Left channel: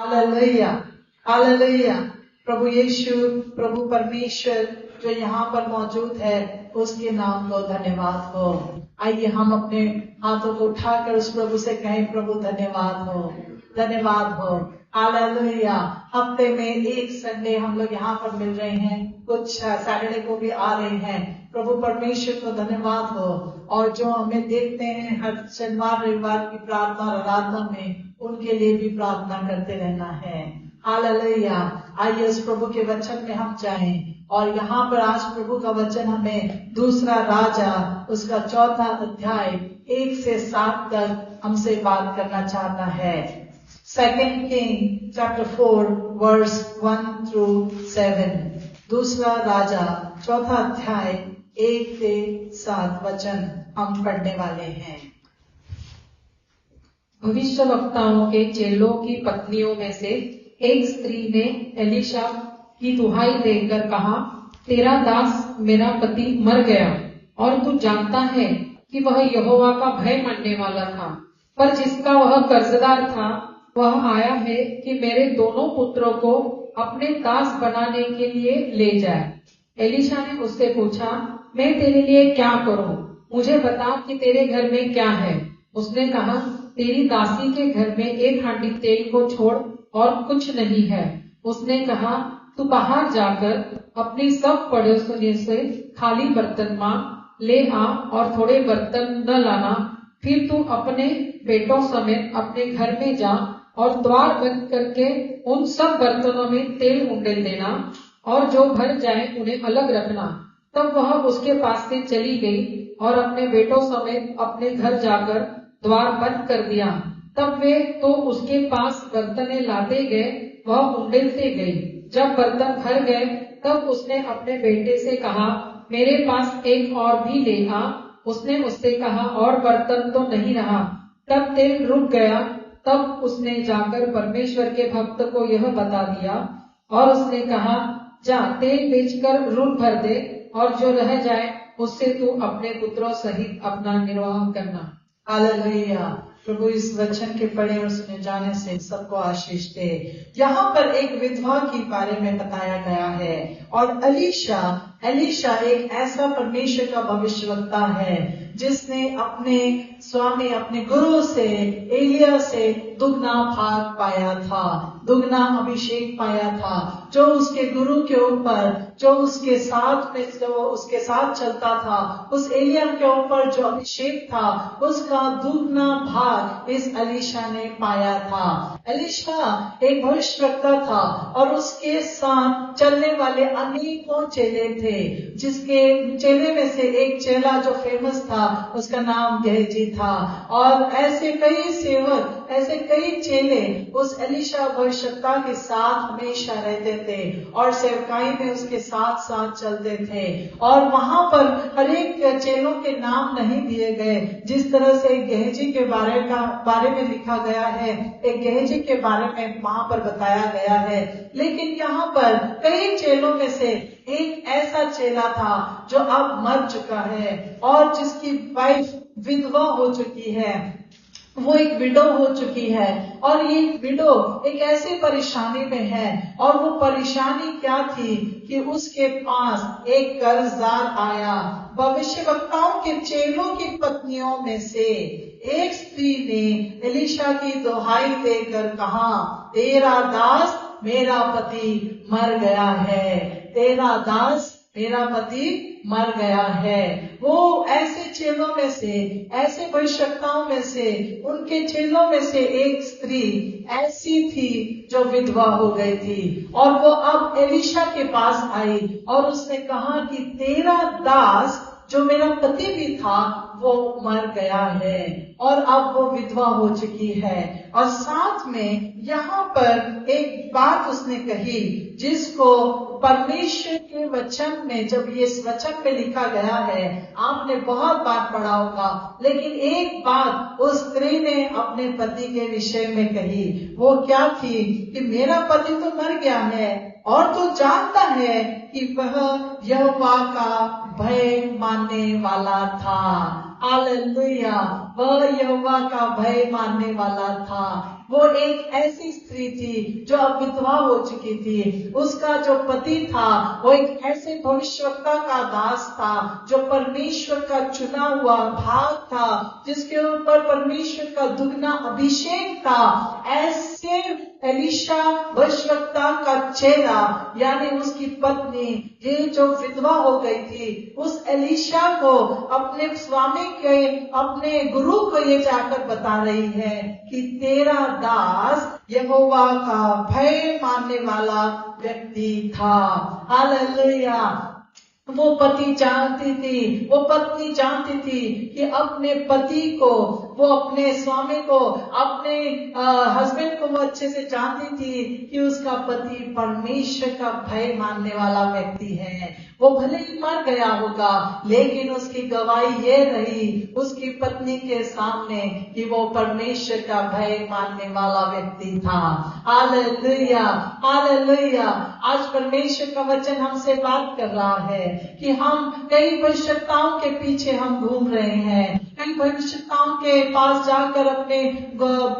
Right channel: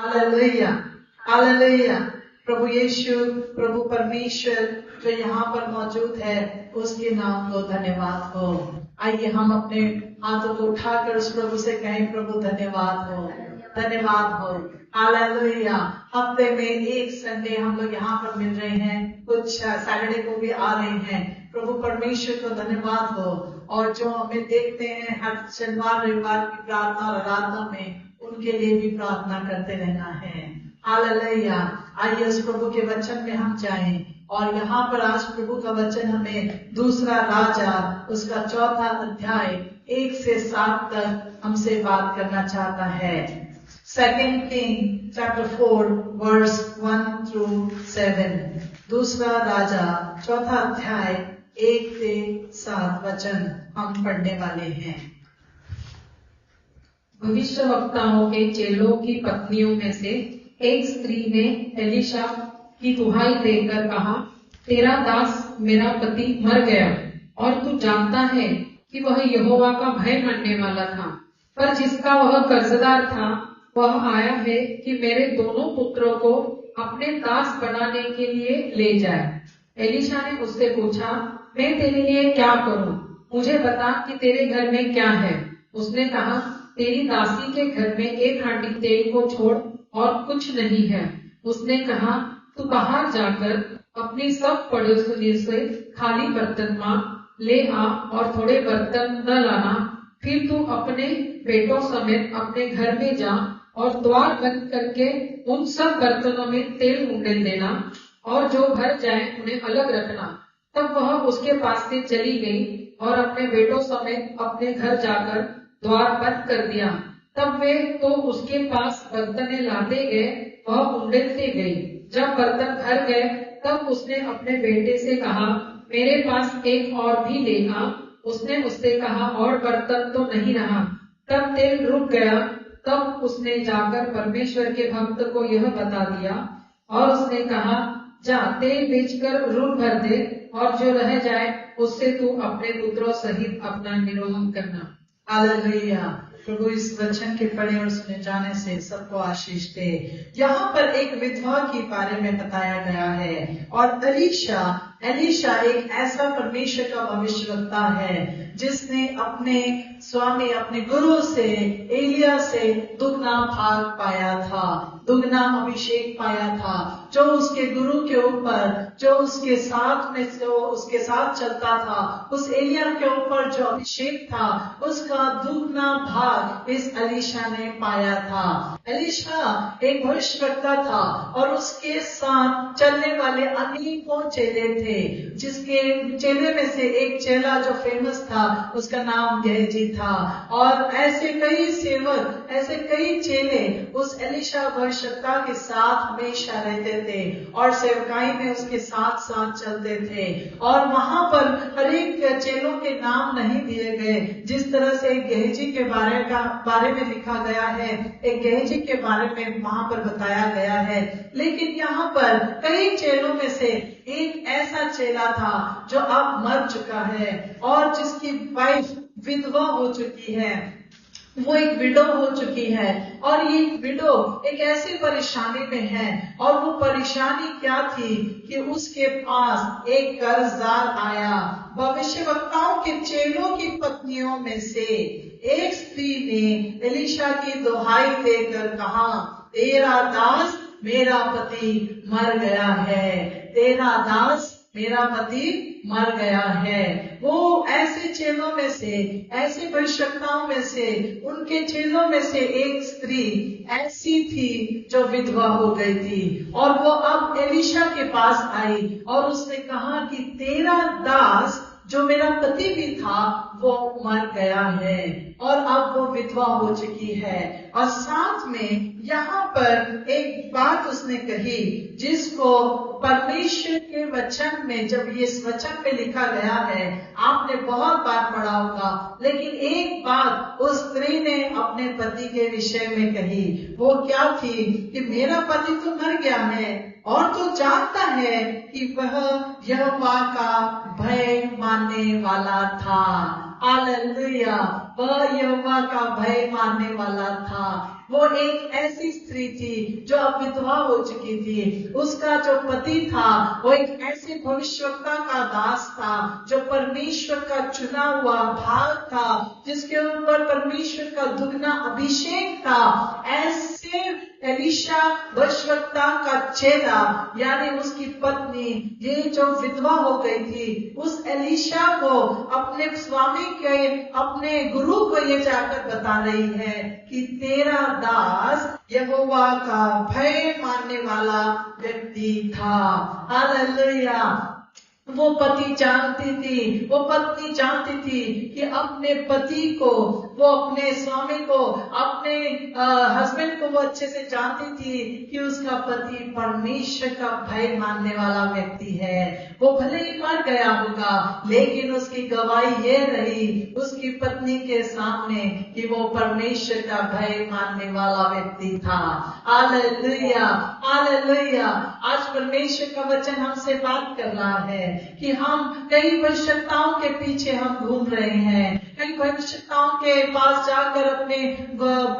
Hallelujah, hallelujah. प्रभु यीशु, प्रभु परमेश्वर जो यहाँ पर मौजूद है, उसके नाम को धन्यवाद हो। आइए हम अपने हाथों को उठाकर उस प्रभु से कहें, प्रभु धन्यवाद हो, धन्यवाद हो। हालेलुया। हफ्ते में एक संडे हम लोग यहाँ पर मिल रहे हैं, कुछ सैटरडे को भी आ रहे हैं। प्रभु परमेश्वर को धन्यवाद हो। और जो हमें देखते हैं हर शनिवार रविवार की प्रार्थना और आराधना में, उनके लिए भी प्रार्थना करते रहना है। हालेलुया। आइए उस प्रभु के वचन में हम जाएं। और यहाँ पर आज प्रभु का वचन हमें दूसरा राजा उसका 4 अध्याय 1 से 7 तक हमसे बात करना चाहता है। 2 Kings chapter 4 verse 1 through 7। दूसरा राजा 4 अध्याय 1 से 7 वचन हम पढ़ने वाले हैं। भविष्यवक्ताओं के चेलों की पत्नियों में से एक स्त्री ने एलीशा की दुहाई देकर कहा, तेरा दास मेरा पति मर गया और तू जानता है कि वह यहोवा का भय मानने वाला था, पर जिसका वह कर्जदार था वह आया है कि मेरे दोनों पुत्रों को अपने दास बनाने के लिए ले जाए। एलीशा ने उससे पूछा, मैं तेरे लिए क्या करूं? मुझे बता कि तेरे घर में क्या है। उसने कहा, तेरी दासी के घर में 1 हांडी तेल को छोड़ और कुछ नहीं है। उसने कहा, तू बाहर जाकर अपनी सब पड़ोसियों से खाली बर्तन मांग ले आ और थोड़े बर्तन न लाना। फिर तू अपने बेटों समेत अपने घर में जा और द्वार बंद करके उन सब बर्तनों में तेल उंडेल देना और जो भर जाए उन्हें अलग रखना। तब वह उसके पास से चली गई और अपने बेटों समेत अपने घर जाकर द्वार बंद कर दिया। तब वे तो उसके पास बर्तनें लाते गए, वह उंडेलते गई। जब बर्तन भर गए तब उसने अपने बेटे से कहा, मेरे पास एक और भी ले आ। उसने उससे कहा, और बर्तन तो नहीं रहा। तब तेल रुक गया। तब उसने जाकर परमेश्वर के भक्त को यह बता दिया और उसने कहा, जा तेल बेचकर ऋण भर दे और जो रह जाए उससे तू अपने पुत्रों सहित अपना निर्वाह करना। हालेलुया। प्रभु इस वचन के पढ़े और सुने जाने से सबको आशीष दे। यहाँ पर एक विधवा के बारे में बताया गया है और एलीशा एक ऐसा परमेश्वर का भविष्यवक्ता है जिसने अपने स्वामी अपने गुरु से एलिया से दुगना भाग पाया था, दुगना अभिषेक पाया था। जो उसके गुरु के ऊपर, जो उसके साथ में जो उसके साथ चलता था, उस एलिया के ऊपर जो अभिषेक था, उसका दुगना भाग इस एलीशा ने पाया था। एलीशा एक भविष्यवक्ता था और उसके साथ चलने वाले अनेकों चेले थे, जिसके चेले में से एक चेला जो फेमस था उसका नाम गेहजी था। और ऐसे कई सेवक, ऐसे कई चेले उस एलीशा भविष्यवक्ता के साथ हमेशा रहते थे और सेवकाई में उसके साथ साथ चलते थे। और वहां पर हर एक चेलों के नाम नहीं दिए गए। जिस तरह से एक गेहजी के बारे में लिखा गया है, एक गेहजी के बारे में वहां पर बताया गया है, लेकिन यहाँ पर कई चेलों में से एक ऐसा चेला था जो अब मर चुका है और जिसकी वाइफ विधवा हो चुकी है, वो एक विडो हो चुकी है। और ये विडो एक ऐसी परेशानी में है और वो परेशानी क्या थी कि उसके पास एक कर्जदार आया। भविष्यवक्ताओं के चेलों की पत्नियों में से एक स्त्री ने एलीशा की दुहाई देकर कहा, तेरा दास मेरा पति मर गया है, तेरा दास मेरा पति मर गया है। वो ऐसे चेलों में से, ऐसे भविष्यवक्ताओं में से, उनके चेलों में से एक स्त्री ऐसी थी जो विधवा हो गई थी और वो अब एलीशा के पास आई और उसने कहा कि तेरा दास जो मेरा पति भी था वो मर गया है और अब वो विधवा हो चुकी है। और साथ में यहाँ पर एक बात उसने कही जिसको परमेश्वर के वचन में, जब ये इस वचन में लिखा गया है, आपने बहुत बार पढ़ा होगा, लेकिन एक बात उस स्त्री ने अपने पति के विषय में कही। वो क्या थी कि मेरा पति तो मर गया है और तू जानता है कि वह यहोवा का भय मानने वाला था। हालेलुया। वह यहोवा का भय मानने वाला था। वो एक ऐसी स्त्री थी जो अब विधवा हो चुकी थी। उसका जो पति था वो एक ऐसे भविष्यवक्ता का दास था जो परमेश्वर का चुना हुआ भाग था, जिसके ऊपर परमेश्वर का दुगना अभिषेक था। ऐसे एलीशा भविष्यवक्ता का चेला यानी उसकी पत्नी ये जो विधवा हो गई थी, उस एलीशा को अपने स्वामी के अपने गुरु को ये जाकर बता रही है कि तेरा दास यहोवा का भय मानने वाला व्यक्ति था। हालेलुया। वो पति जानती थी, वो पत्नी जानती थी कि अपने पति को, वो अपने स्वामी को, अपने हस्बैंड को वो अच्छे से जानती थी कि उसका पति परमेश्वर का भय मानने वाला व्यक्ति है। वो भले ही मर गया होगा, लेकिन उसकी गवाही ये रही उसकी पत्नी के सामने कि वो परमेश्वर का भय मानने वाला व्यक्ति था। Hallelujah, hallelujah. आज परमेश्वर का वचन हमसे बात कर रहा है कि हम कई भविष्यताओं के पीछे हम घूम रहे हैं, कई भविष्यताओं के पास जाकर अपने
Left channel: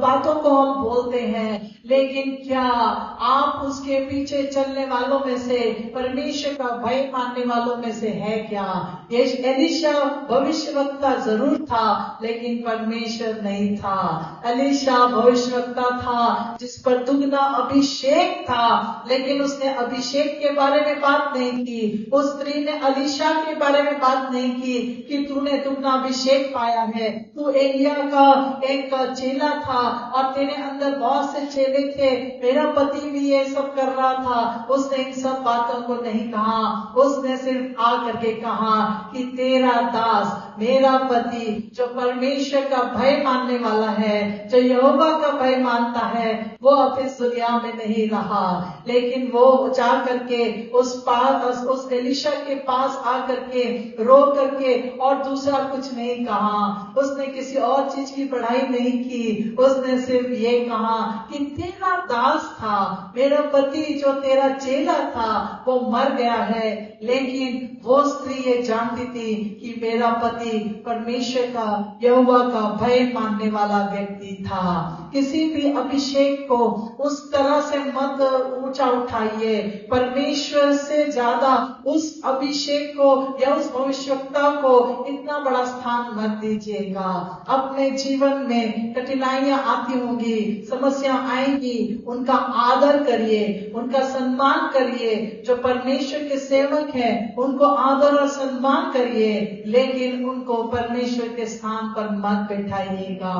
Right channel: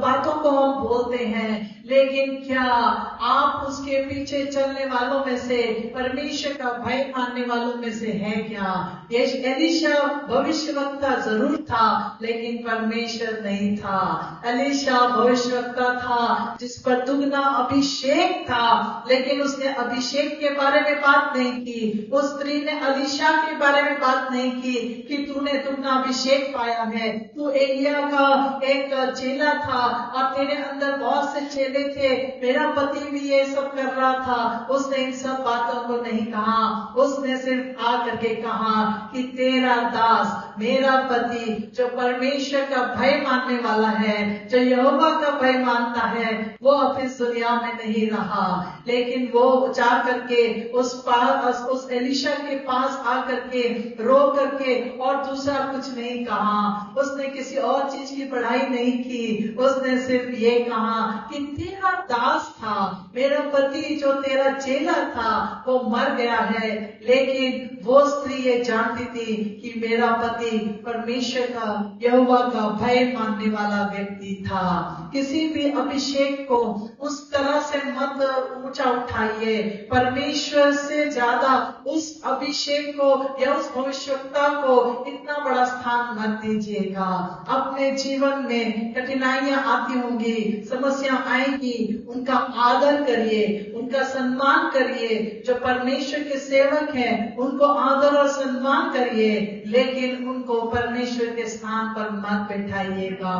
बातों को हम बोलते हैं, लेकिन क्या आप उसके पीछे चलने वालों में से, परमेश्वर का भय मानने वालों में से है क्या? ये एलीशा भविष्यवक्ता जरूर था, लेकिन परमेश्वर नहीं था। एलीशा भविष्यवक्ता था जिस पर दुगना अभिषेक था, लेकिन उसने अभिषेक के बारे में बात नहीं की। उस स्त्री ने एलीशा के बारे में बात नहीं की कि तूने दुगना अभिषेक पाया है, तू एलिया का एक चेला था और तेरे अंदर बहुत से चेले थे, मेरा पति भी ये सब कर रहा था। उसने इन सब बातों को नहीं कहा, उसने सिर्फ आ करके कहा कि तेरा दास, मेरा पति जो परमेश्वर का भय मानने वाला है, जो यहोवा का भय मानता है, वो अब इस दुनिया में नहीं रहा। लेकिन वो जा करके उस एलीशा के पास आकर के रो करके और दूसरा कुछ नहीं कहा, उसने किसी और चीज की बढ़ाई नहीं की, उसने सिर्फ ये कहा कि तेरा दास था, मेरा पति जो तेरा चेला था वो मर गया है। लेकिन वो स्त्री ये जानती थी कि मेरा पति परमेश्वर का, यहोवा का भय मानने वाला व्यक्ति था। किसी भी अभिषेक को उस तरह से मत ऊंचा उठाइए, परमेश्वर से ज्यादा उस अभिषेक को या उस भविष्यवक्ता को इतना बड़ा स्थान मत दीजिएगा। अपने जीवन में कठिनाइयां आती होंगी, समस्या आएंगी, उनका आदर करिए, उनका सम्मान करिए। जो परमेश्वर के सेवक हैं उनको आदर और सम्मान करिए, लेकिन उनको परमेश्वर के स्थान पर मत बैठाइएगा,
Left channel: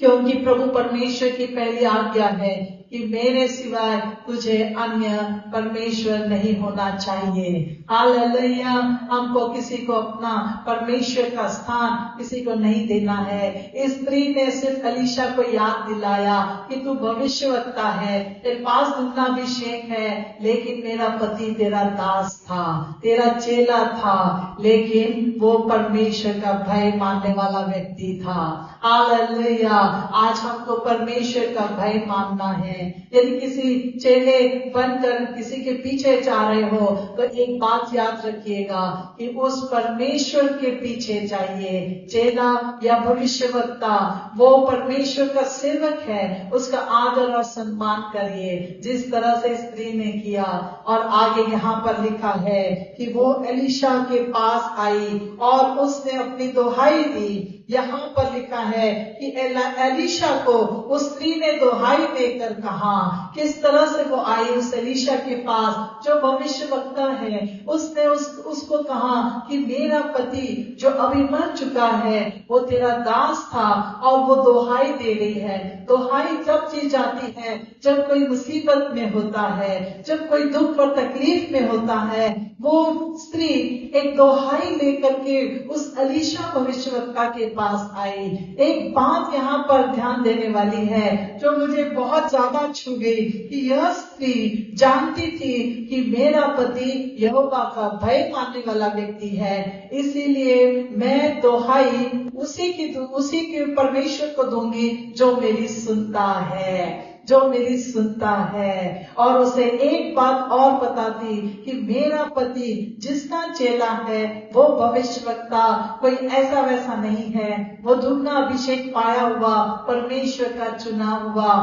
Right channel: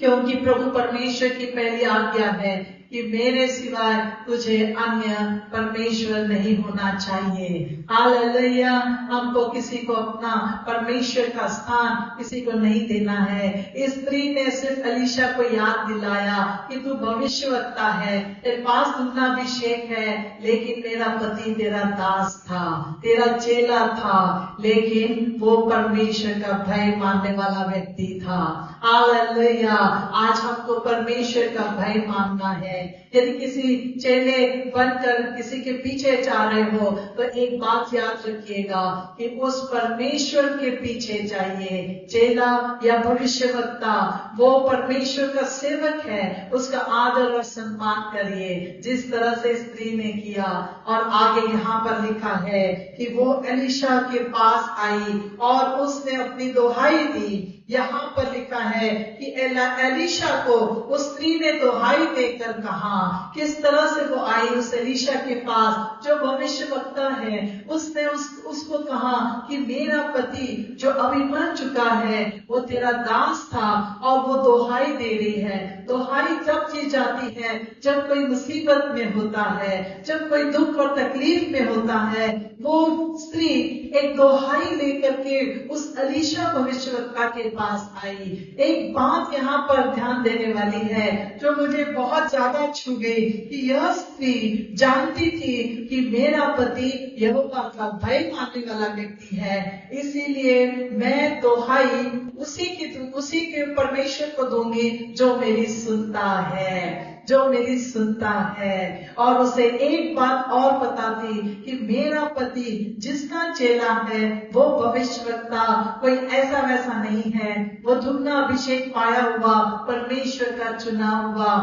क्योंकि प्रभु परमेश्वर की पहली आज्ञा है कि मेरे सिवाय तुझे अन्य परमेश्वर नहीं होना चाहिए। हालेलुया। हमको किसी को अपना परमेश्वर का स्थान किसी को नहीं देना है। इस स्त्री ने सिर्फ एलीशा को याद दिलाया कि तू भविष्यवक्ता है, तेरे पास दुगना अभिषेक है, लेकिन मेरा पति तेरा दास था, तेरा चेला था, लेकिन वो परमेश्वर का भय मानने वाला व्यक्ति था। हालेलुया। आज हमको परमेश्वर का भय मानना है। यदि किसी चेले बनकर किसी के पीछे जा रहे हो तो एक बात याद रखिएगा कि उस परमेश्वर के पीछे जाइए। चेला या भविष्यवक्ता वो परमेश्वर का सेवक है, उसका आदर और सम्मान करिए जिस तरह से स्त्री ने किया। और आगे यहाँ पर लिखा है कि वो एलीशा के पास आई और उसने अपनी दुहाई दी। यहाँ पर लिखा है कि एलीशा को उस स्त्री ने दुहाई देकर कहा। किस तरह से वो आई उस एलीशा के पास जो भविष्यवक्ता है, उसने उसको कहा कि मेरा पति जो अभी मर चुका है वो तेरा दास था और वो दुहाई दे रही है। दुहाई तब दी जाती है जब कोई मुसीबत में होता है, जब कोई दुख और तकलीफ में होता है। वो स्त्री एक दुहाई लेकर के उस एलीशा भविष्यवक्ता के पास आई। एक बात यहाँ पर ध्यान देने वाली है जो मुझे बहुत ज्यादा छू गई कि यह स्त्री जानती थी कि मेरा पति यहोवा का भय मानने वाला व्यक्ति है, इसीलिए मैं दुहाई उसी के परमेश्वर को दूंगी जो मेरी सुनता है। जो मेरी सुनता है। और उसे एक बात और पता थी कि मेरा पति जिसका चेला है वो भविष्यवक्ता कोई ऐसा वैसा नहीं है, वो दुगना अभिषेक पाया हुआ परमेश्वर का चुना हुआ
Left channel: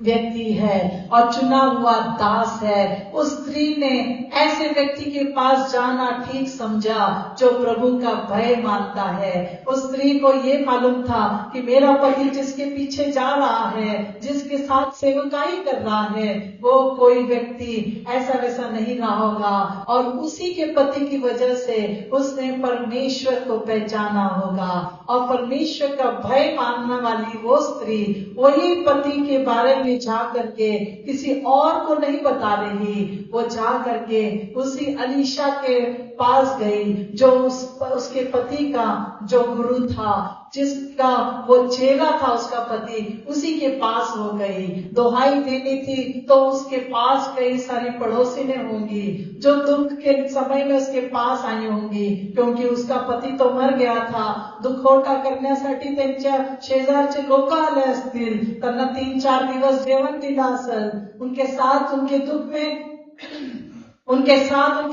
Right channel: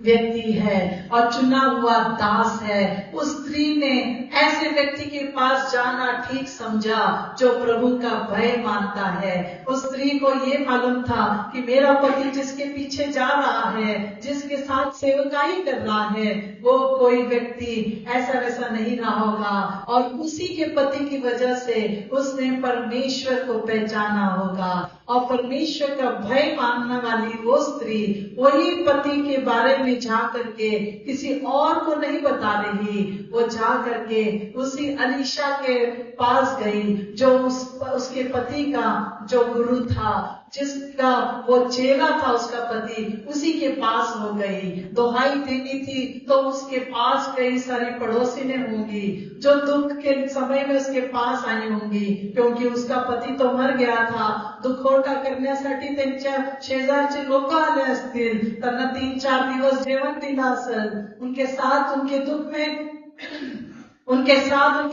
व्यक्ति है और चुना हुआ दास है। उस स्त्री ने ऐसे व्यक्ति के पास जाना ठीक समझा जो प्रभु का भय मानता है। उस स्त्री को ये मालूम था कि मेरा पति जिसके पीछे जा रहा है, जिसके साथ सेवकाई कर रहा है, वो कोई व्यक्ति ऐसा वैसा नहीं रहा होगा। और उसी के पति की वजह से उसने परमेश्वर को पहचाना होगा। और परमेश्वर का भय मानने वाली वो स्त्री वही पति के बारे में जा करके किसी और को नहीं बता रही, वो जा करके उसी अलीशा के पास गई जो उसके पति का जो गुरु था, जिसका वो चेला था उसका पति, उसी के पास हो गई। दुहाई देनी थी तो उसके पास कई सारी पड़ोसी होंगी जो दुख के समय में उसके पास आई होंगी, क्योंकि उसका पती तो मर गया था। दुखोटा करण्यासाठी त्यांच्या शेजारचे लोक आले असतील, त्यांना 3-4 दिवस जेवण दिलं असेल, उनके साथ उनके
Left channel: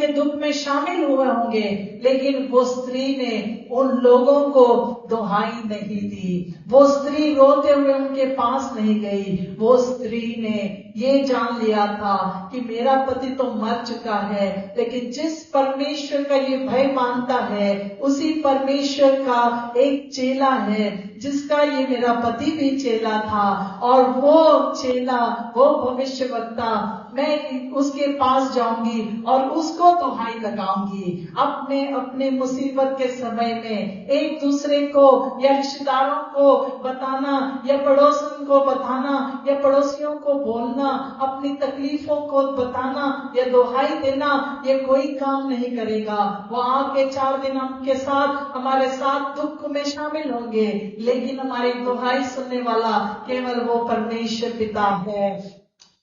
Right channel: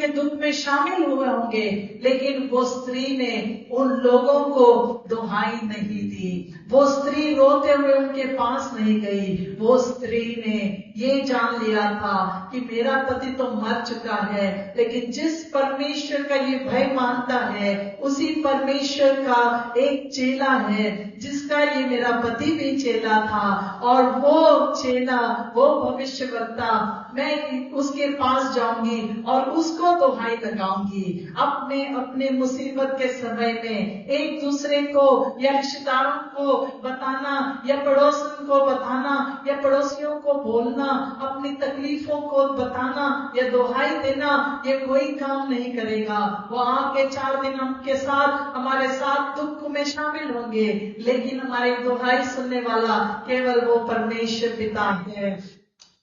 दुख में शामिल हुए होंगे। लेकिन वो स्त्री ने उन लोगों को दुहाई नहीं दी, वो स्त्री रोते हुए उनके पास नहीं गई। वो स्त्री ने ये जान लिया था कि मेरा पति तो मर चुका है, लेकिन जिस परमेश्वर का ये भय मानता है उसी परमेश्वर का एक चेला है जिसका ये मेरा पति भी चेला था, और वो चेला, वो भविष्यवक्ता, मैं उसके पास जाऊंगी और उसको दुहाई लगाऊंगी। अपने मुसीबत के समय में एक दूसरे को या रिश्तेदारों को बताना या पड़ोसियों को बताना या पड़ोसियों को बोलना, अपनी तकलीफों को बताना या दुहाई देना, ये कोई काम नहीं करेगा। वो आके 4 दिन के साथ हमारे साथ दुख में शामिल होंगे, लेकिन हमारी दुहाई सुनने वाला केवल वो परमेश्वर पिता है।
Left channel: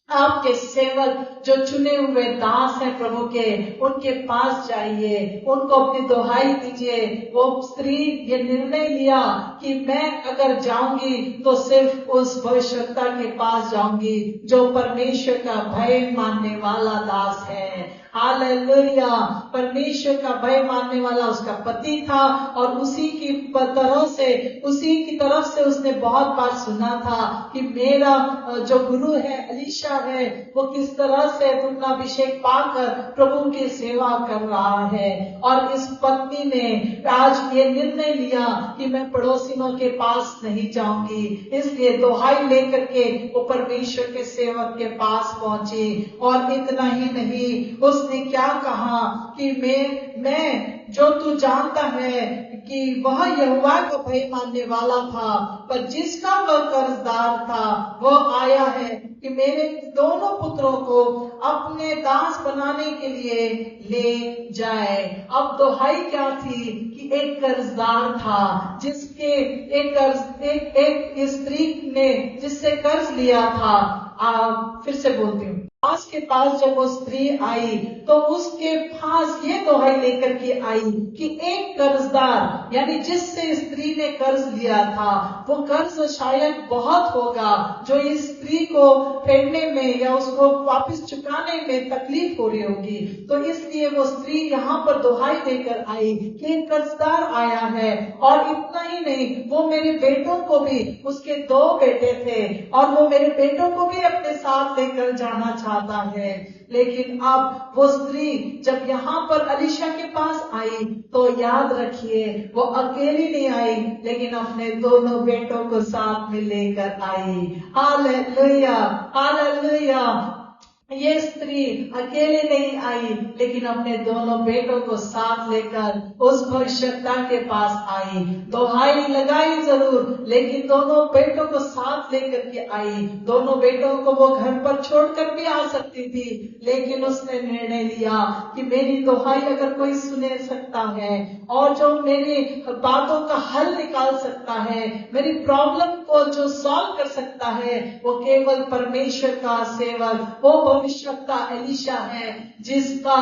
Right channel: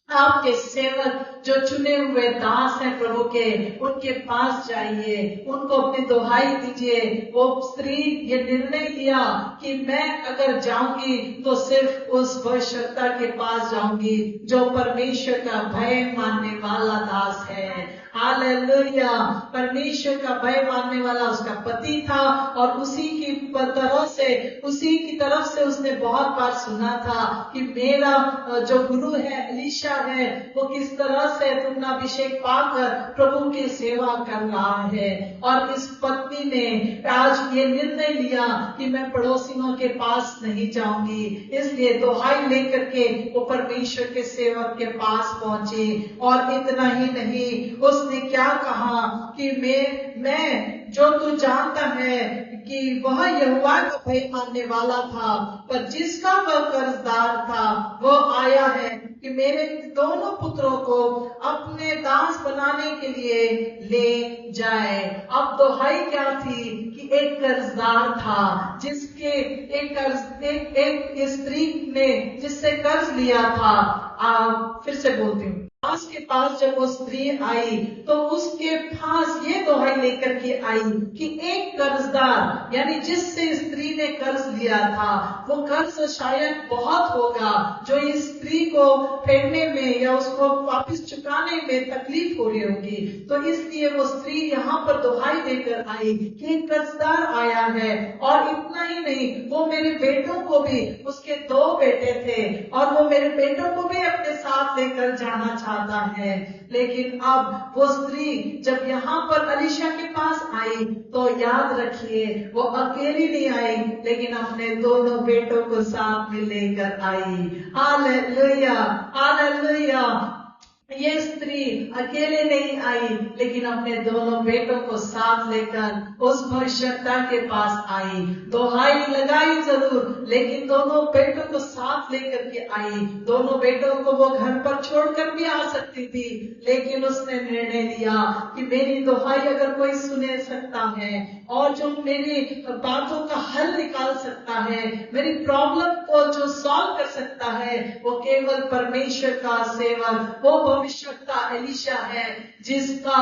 आपके सेवक जो चुने हुए दास हैं प्रभु के, उनके पास जाइए, उनको अपनी दुहाई दीजिए। वो स्त्री ये निर्णय लिया कि मैं अगर जाऊंगी तो सिर्फ उस भविष्यवक्ता के पास जाऊंगी जो परमेश्वर का भय मानने वाला दास है। हालेलुया। परमेश्वर का भय मानने वाला उसका पति था और उसी की तरफ से उसने बहुत बार सुना था कि मेरा जो गुरु है अलीशा है वो किस तरह से दुगना अभिषेक पाकर प्रभु की सेवा कर रहा है। और इस पत्नी ने आज ये निर्णय लिया कि मैं पड़ोसियों के पास नहीं जाऊंगी, इसलिए दुहाई लेकर के वो परमेश्वर के सेवक के पास पहुंची। और इतना ही नहीं, उसने क्या कहा कि मैं जो तू जानता है कि वह यहोवा का भय मानने वाला था, पर जिसका वह कर्जदार था वो आया है कि मेरे दोनों पुत्रों को अपने दास बनाने के लिए ले जाए। अब दुहाई क्या थी कि एक कर्जदार था जिसके एक स्त्री ने जिससे कर्ज लिया था। फिर से बोलती हूँ, दास के पास जब वो स्त्री आई तो उसके पास ये दुहाई लेकर के आई कि एक कर्जदार, यानी जिससे स्त्री ने कर्ज लिया था वो कर्ज शायद बहुत होगा जो इस स्त्री को फेडने में या उसको वापस चुकाने में तकलीफ हो रही होगी। तो इसलिए वो स्त्री यहाँ पर दुहाई देकर आई कि एक कर्जदार आया है। और इतना ही नहीं, वो मेरे बेटों को भी, उसके 2 बेटे थे, और वो मेरे बेटों को भी अपने साथ लेकर जाना चाहता है। लेकिन अब वो स्त्री जब यहाँ पर अलीशा के पास आई तो याद रखिए वो अकेली नहीं आई, लेकिन अपने दोनों बेटों को साथ में लेकर आई। Hallelujah, hallelujah. ये स्त्री अकेले नहीं आई, लेकिन अपने दोनों बेटों को साथ लेकर उस भविष्यवक्ता के पास आई। दुहाई लगाई जरूर, लेकिन दोनों बेटों को साथ लेकर के आई। दोनों बेटों को वो घर पर छोड़कर भी आ सकती थी, लेकिन उसने निर्णय लिया कि मेरी दुहाई अगर कोई सुने सकता है, और जो मेरी बातों का हल निकाल सकता है, मेरी प्रॉब्लम को जो सॉल्व कर सकता है, वो केवल परमेश्वर का सेवक, वो भविष्यवक्ता एलीशा है, जिसका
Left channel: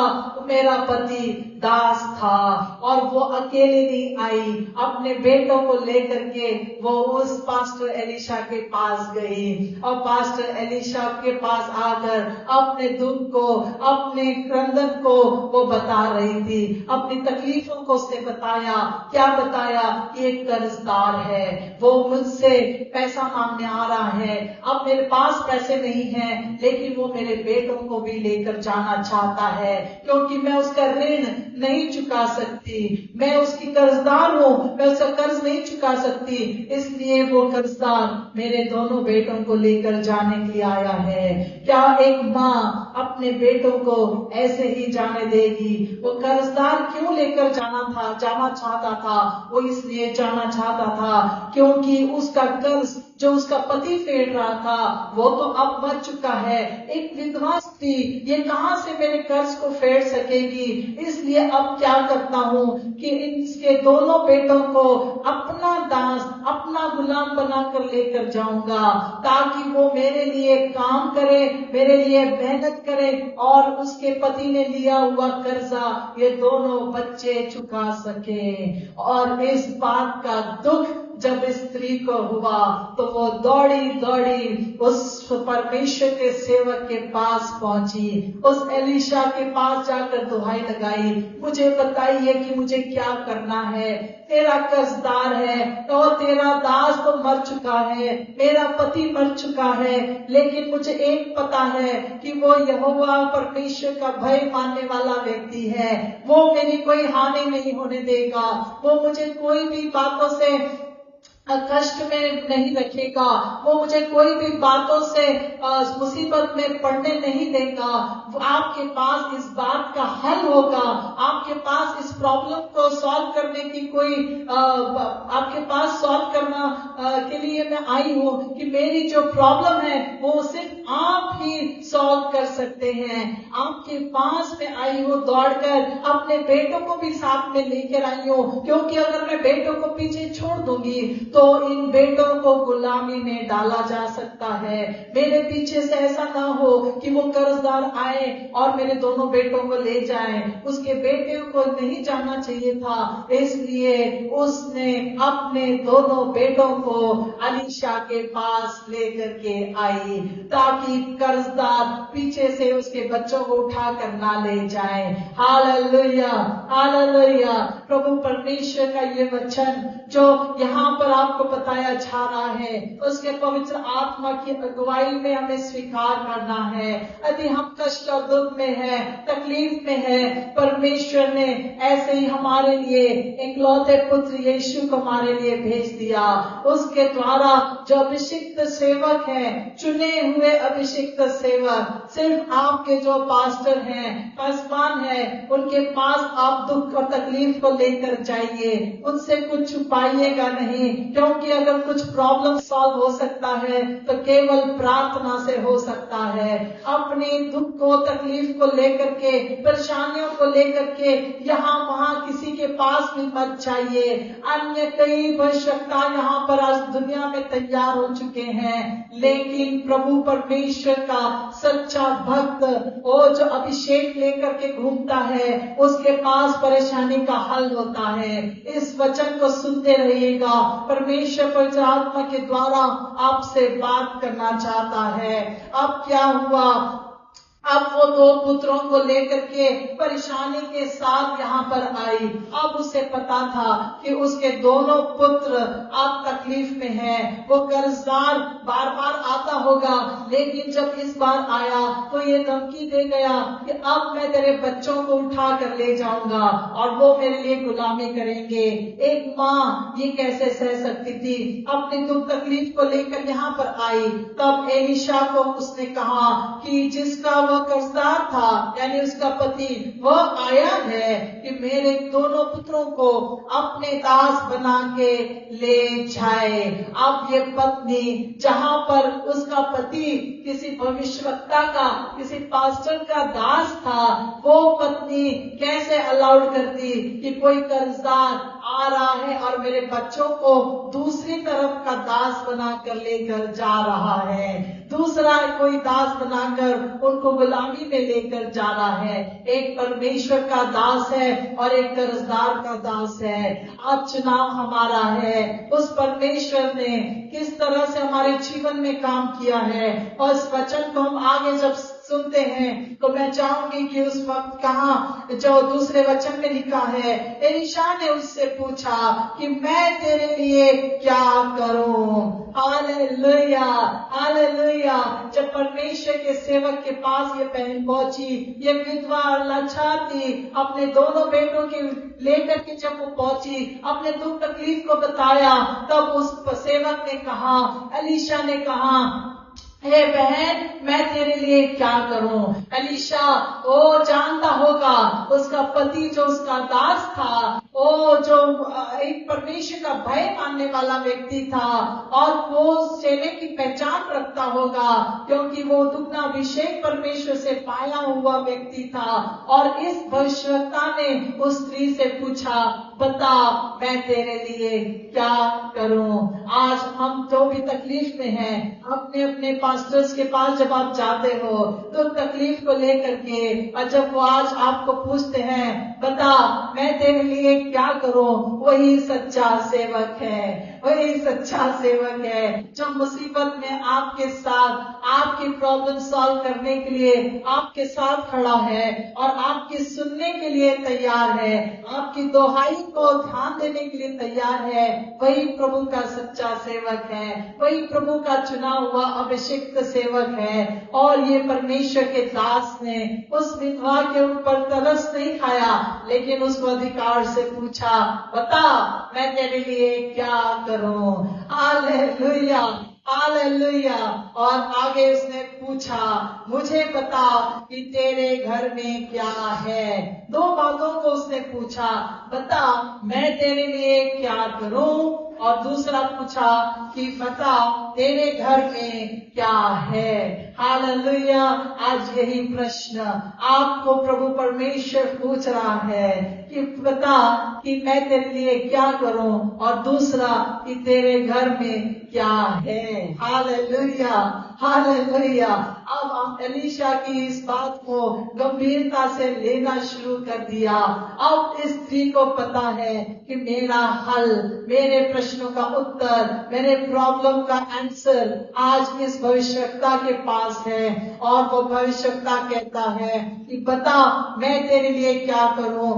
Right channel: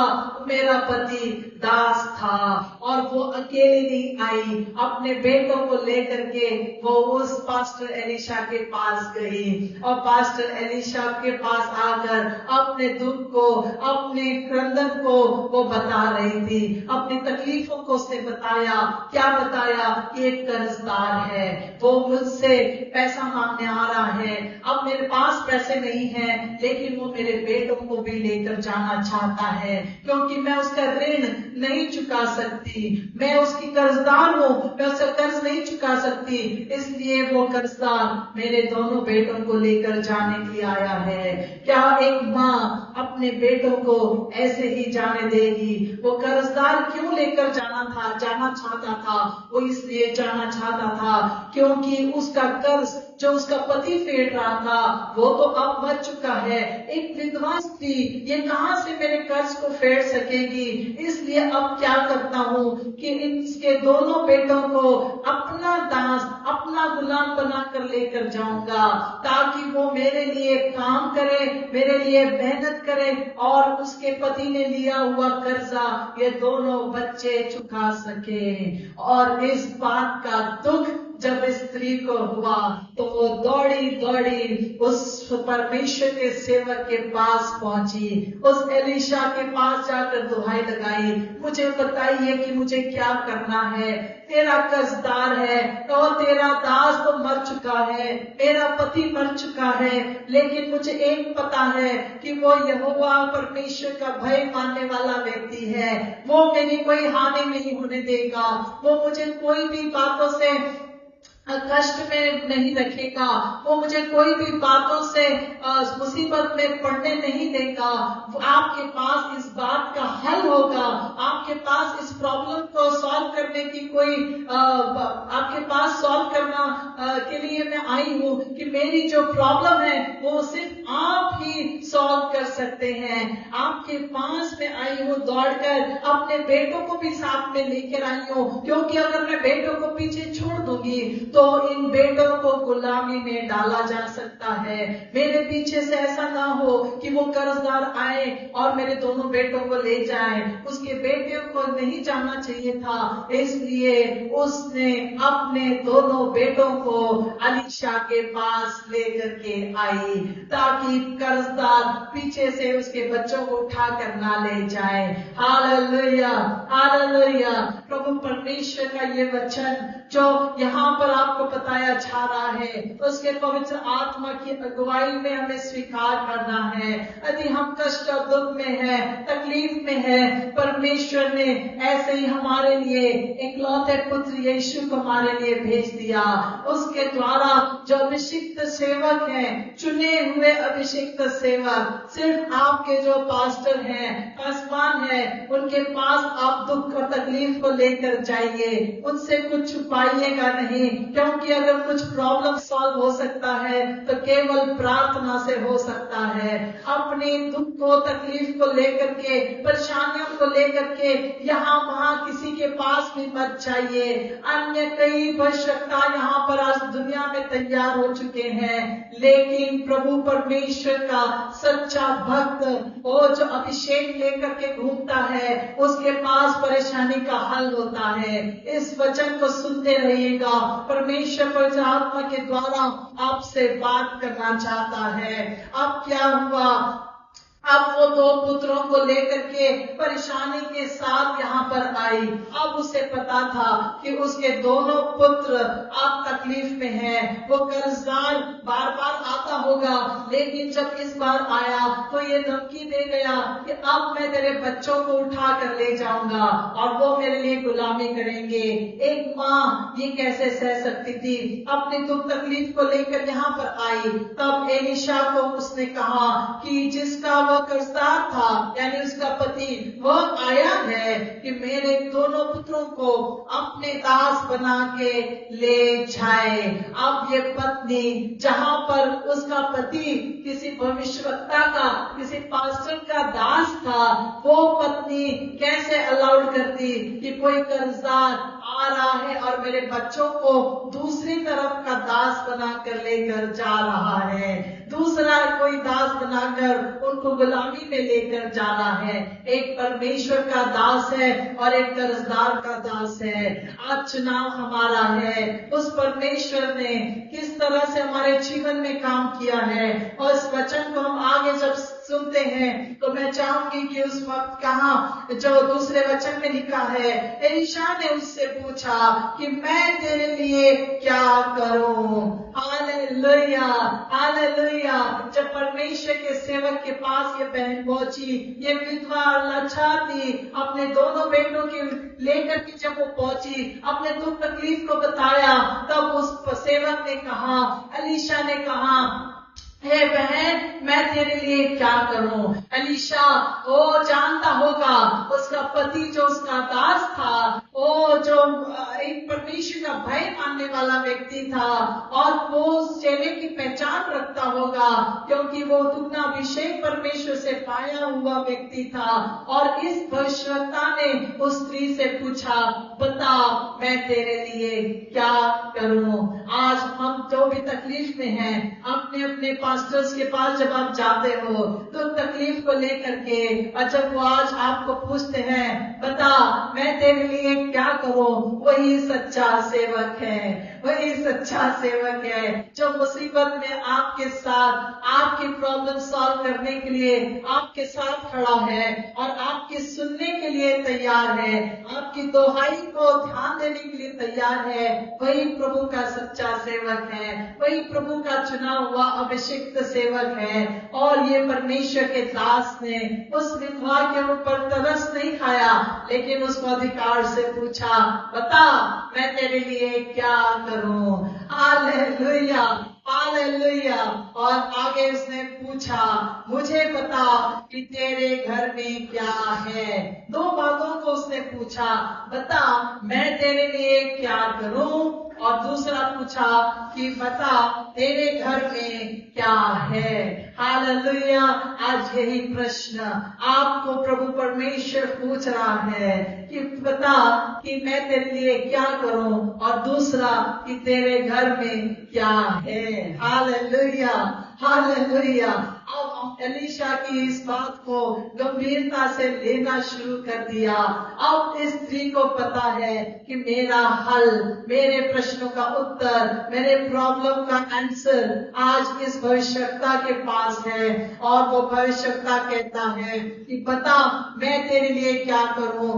मेरा पति दास था। और वो अकेले नहीं आई, अपने बेटों को लेकर के वो उस पास्टर एलीशा के पास गई और पास्टर एलीशा के पास आकर अपने दुख को, अपने क्रंदन को वो बता रही थी, अपनी तकलीफों को उसने बताया। क्या बताया? कि एक कर्जदार है, वो मुझसे पैसा मांगने आ रहा है, अब मेरे पास पैसे नहीं है, लेकिन वो मेरे बेटों को भी लेकर जाना चाहता है, क्योंकि मैं उसका ऋण नहीं चुका सकती, मैं उसकी कर्जदार हूँ, मैं उसका कर्ज नहीं चुका सकती, इसलिए वो कर्जदार मेरे दोनों बेटों को लेकर जाने के लिए आया है। क्या एक माँ अपने बेटों को ऐसे ही जाने देगी? वो कर्जदार क्यों लेकर जाना चाहता था? वो इसलिए जाना चाहता था क्योंकि उसका कर्ज जो उसका पति फेर रहा था, वो तो अब मर चुका है। एक विधवा स्त्री ये कहां से मेरे कर्ज को फेर सकेगी? इसलिए अब क्या करता हूँ कि इसके दोनों बेटों को अपना दास, अपना गुलाम बनाकर लेकर जाऊंगा, ताकि वो मेरे लिए काम करे, मेरे लिए मेहनत करे और उसके पति ने लिया हुआ कर्जा ये दोनों बच्चे चुका सके। और इस बात का दुख जब स्त्री को हुआ तो वो दौड़ी उस परमेश्वर के सेवक के पास पहुंची, उस एलीशा के पास जाकर दुहाई लगाई, मुझे बताइए कि मुझे क्या करना है? तेरा कर्जदार है और तेरा दास तो मर चुका है, मेरा पति मर चुका है, लेकिन मुझे एक पता है कि वो यहोवा परमेश्वर का भय मानने वाला व्यक्ति है, वो मेरी कोई हानि नहीं होने देगा, वो मुझे कोई भी बातों से कष्ट में नहीं रखेगा, वो मुझे कोई भी बातों से मुसीबत में पड़ने नहीं देगा। आपके पास इस बात का हल होगा, आपके पास इस प्रॉब्लम को सॉल्व करने की कोई आपके पास सॉल्व करना के लिए मैं आई हूँ कि मेरी जो प्रॉब्लम है वो सिर्फ आप ही सॉल्व कर सकते हैं। आपके पास में आई हूँ दौड़कर, अपने बेटों को भी साथ में लेकर आई हूँ, क्योंकि अगर मैं बेटों को पीछे छोड़ दूंगी तो इन बेटों को गुलामी में डाला जा सकता है। मेरे पीछे से ऐसा ना हो कि वो कर्जदार आए और मेरे दोनों बेटों को ले जाए, उसके बेटियों को नहीं जाना चाहिए था, इसलिए उसने अपने दोनों बेटों को एलीशा के पास लेकर के आई, ताकि कर्जदार पीछे से उसके बच्चों को उठाकर ना ले जाए। Hallelujah, hallelujah. प्रभु परमेश्वर का ये वचन जो यहाँ पर आपको बताया जा रहा है, उसके पवित्र आत्मा की अगुवाई में हमें स्वीकार करना है। यदि हम कष्ट और दुख में है, तकलीफ में है, परमेश्वर ने ऐसे ही हमारे लिए इकलौते पुत्र यीशु को हमारे लिए भेज दिया। उसके द्वारा जो अभिषिक्त सेवक हैं, चुने हुए अभिषिक्त सेवक, सिर्फ आपके जो पास्टर हैं, पासवान हैं, उनके पास आप दुख और तकलीफ को लेकर जाइए, उनसे कुछ छुपाइएगा नहीं, क्योंकि अगर कुछ प्रॉब्लम सॉल्व हो सकता है तो केवल प्रार्थना से हो सकता है। अपने दुख को, तकलीफ को लेकर के, परेशानियों को लेकर के यहाँ वहाँ किसी के पास भी मत जाइए। अन्य कई भविष्यवक्ता यहाँ पर आज दुनिया में तैयार हो चुके हैं, लेकिन प्रभु परमेश्वर का सच्चा भक्त, वो जो अभिषेक लेकर के घूमता है, उसके पास परेशानी का हल होता है। इस वचन को सुनते रहिएगा, परमेश्वर पवित्र आत्मा के द्वारा आपसे बात करना चाहता है। अब क्या हुआ? अब वो दो पुत्रों को लेकर के परेशानी के साथ यहाँ पर आई। अब उसे पता था कि उसके दोनों पुत्र अब तकलीफ में हैं। वो कर्जदार बार बार आता होगा, लेकिन जब इस बार आया तो ये धमकी दे गया कि अब मैं तेरे बच्चों को उठा कर ले जाऊंगा और वो मेरे लिए गुलामी करेंगे। एक माँ ये कैसे सह सकती थी? अपनी दुख तकलीफ को लेकर यहाँ पर आई। तब एलीशा को उसने कहा कि जिसका वो कर्जदार था यानी उसका पति, वह आया है कि मेरे दोनों पुत्रों को अपने दास बना के ले जाए। अब ये पत्नी, जहां पर उसका पति किसी भविष्यवक्ता का, किसी पास्टर का दास था, वो पत्नी कैसे अलाउड करती कि कोई कर्जदार आ रहा है और मेरे बच्चों को दूसरी तरफ का दास बनाकर लेकर जा रहा है, दूसरा कोई दास बनाकर उनको गुलामी में लेकर जा रहा है। एक परमेश्वर का दास है और एक कर्जदार का दास है। आज चुनाव हमारा है। उस परमेश्वर ने किस तरह से हमारे जीवन में काम किया है, और इस वचन को हम आगे जब सुनते हैं तो मैं चाहूंगी कि उस वक्त कहा जो दूसरे वचन में लिखा है, एलीशा ने उससे पूछा कि मैं तेरे लिए क्या करूं। Hallelujah, hallelujah. जब परमेश्वर के सेवक के पास ये बहन पहुंची, ये विधवा और लाचार थी, अपने दोनों बेटों के लेकर के जब वो पहुंची, अपने दुख तकलीफ को बताया, तब उस सेवक ने कहा, एलीशा ने कहा, हे बहन, मैं तेरे लिए क्या करूं। एलीशा वो जानता होगा उसका पति जो उसका दास था, वो जो एक परमेश्वर का भय मानने वाला व्यक्ति था, और वो चेले की पहचान रखता होगा क्योंकि वो दुगना अभिषेक परमेश्वर से पाया हुआ व्यक्ति था। और इस भविष्यवक्ता ने उस स्त्री से पूछा, बता मैं तेरे लिए क्या करूं। आज हम जो भी तकलीफ में हैं, अपने अपने पास्टर्स के पास जब आप जाते हो तो तकलीफ को लेकर के, और जब वो आज आपको पूछते हैं बता मैं तेरे लिए क्या करूं, वही सच्चा सेवक है, वही सच्चा सेवक है जो मुसीबत में आपके साथ आपकी प्रॉब्लम सॉल्व करने के लिए आपके साथ खड़ा है और आपकी सुनने के लिए तैयार है, आपकी दोहाई को ध्यान देने के लिए तैयार है। वही प्रभु का सच्चा सेवक है, वही प्रभु का चुना हुआ अभिषिक्त सेवक है। और ये परमेश्वर के दास ने उस विधवा के ऊपर तरस नहीं खाया, लेकिन उसको अधिकार से पूछा, बता मैं तेरे लिए क्या करूं। Hallelujah, hallelujah. और आगे उसने पूछा, मुझे बता कि तेरे घर में क्या है। दो बातों को उसने पूछा, बता मैं तेरे लिए क्या करूं, और दूसरा पूछा कि बता तेरे घर में क्या है। हालेलुया। आज यही प्रश्न आपको प्रभु परमेश्वर पूछ रहा है कि बता कि मैं तेरे लिए क्या करूं, और दूसरा कि तेरे घर में क्या है। Hallelujah, hallelujah. अब हम एलीशा की इस बात को गंभीरता से लेना शुरू कर दिया। अब इस स्त्री को पता है कि मेरा हल, मेरे प्रश्नों का उत्तर, मेरे प्रॉब्लम का आंसर आज इस भविष्यवक्ता के पास है। और वो भविष्यवक्ता कहता है कि बता मैं तेरे लिए क्या करूं,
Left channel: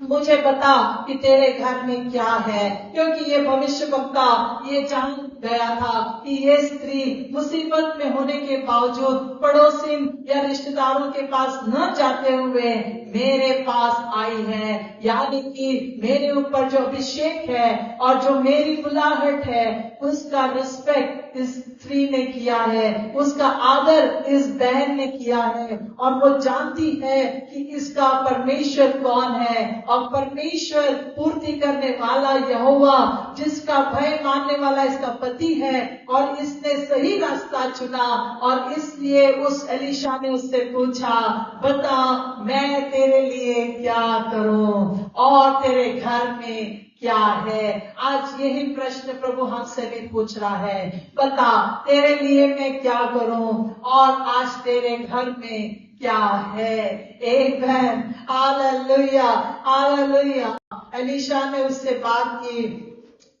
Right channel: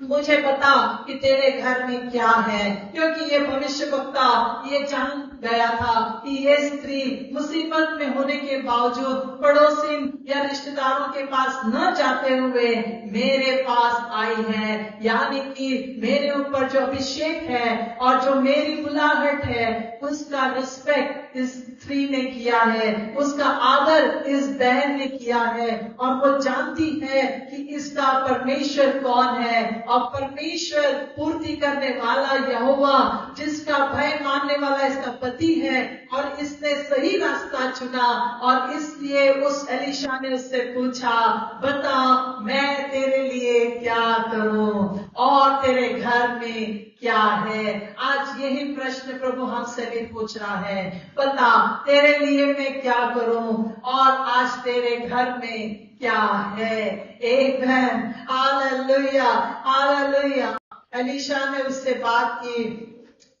मुझे बता कि तेरे घर में क्या है। क्योंकि ये भविष्यवक्ता ये जान गया था कि ये स्त्री मुसीबत में होने के बावजूद पड़ोसी या रिश्तेदारों के पास न जाते हुए मेरे पास आई है, यानी कि मेरे ऊपर जो अभिषेक है और जो मेरी बुलाहट है उसका रिस्पेक्ट इस स्त्री ने किया है, उसका आदर इस बहन ने किया है। और वो जानती है कि इसका परमेश्वर कौन है, और परमेश्वर पूर्ति करने वाला यहोवा, जिसका भय मानने वाला इसका पति है, और इसने सही रास्ता चुना। और इसलिए उस एलीशा ने उससे पूछा, बता मैं तेरे लिए क्या करूं, और तेरे घर में क्या है। आज यही प्रश्न प्रभु हमसे भी पूछ रहा है, बता तेरे लिए मैं क्या करूं, और आज तेरे घर में क्या है। आमेन, हालेलुया, हालेलुया। एलीशा ने उससे बात की,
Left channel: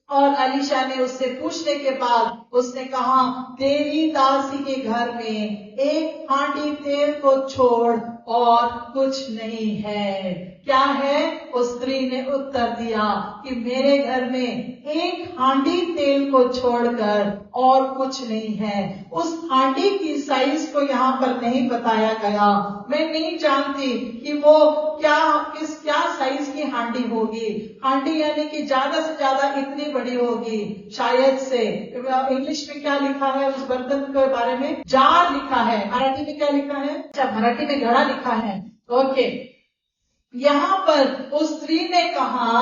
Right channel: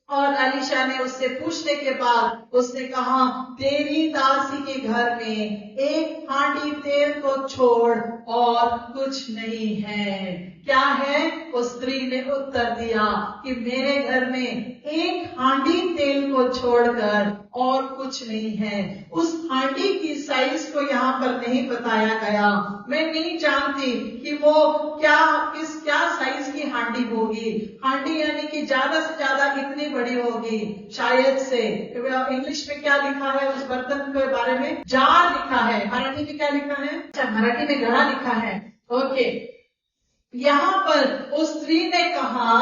और एलीशा ने उससे पूछने के बाद उसने कहा, तेरी दासी के घर में एक हांडी तेल को छोड़ और कुछ नहीं है। क्या है? उस स्त्री ने उत्तर दिया कि मेरे घर में एक हांडी तेल को छोड़कर और कुछ नहीं है। उस हांडी की साइज को यहाँ पर नहीं बताया गया। मैं नहीं जानती कि वो क्या साइज की हांडी होगी। हांडी यानी कि ज्यादा से ज्यादा इतनी बड़ी होगी शायद से। इंग्लिश में क्या लिखा है उस बर्तन के बारे में? जार लिखा है। मराठी में क्या लिखा है? अच्छा, मराठी में घड़ा लिखा है। ओके, यहाँ पर उस स्त्री ने कहा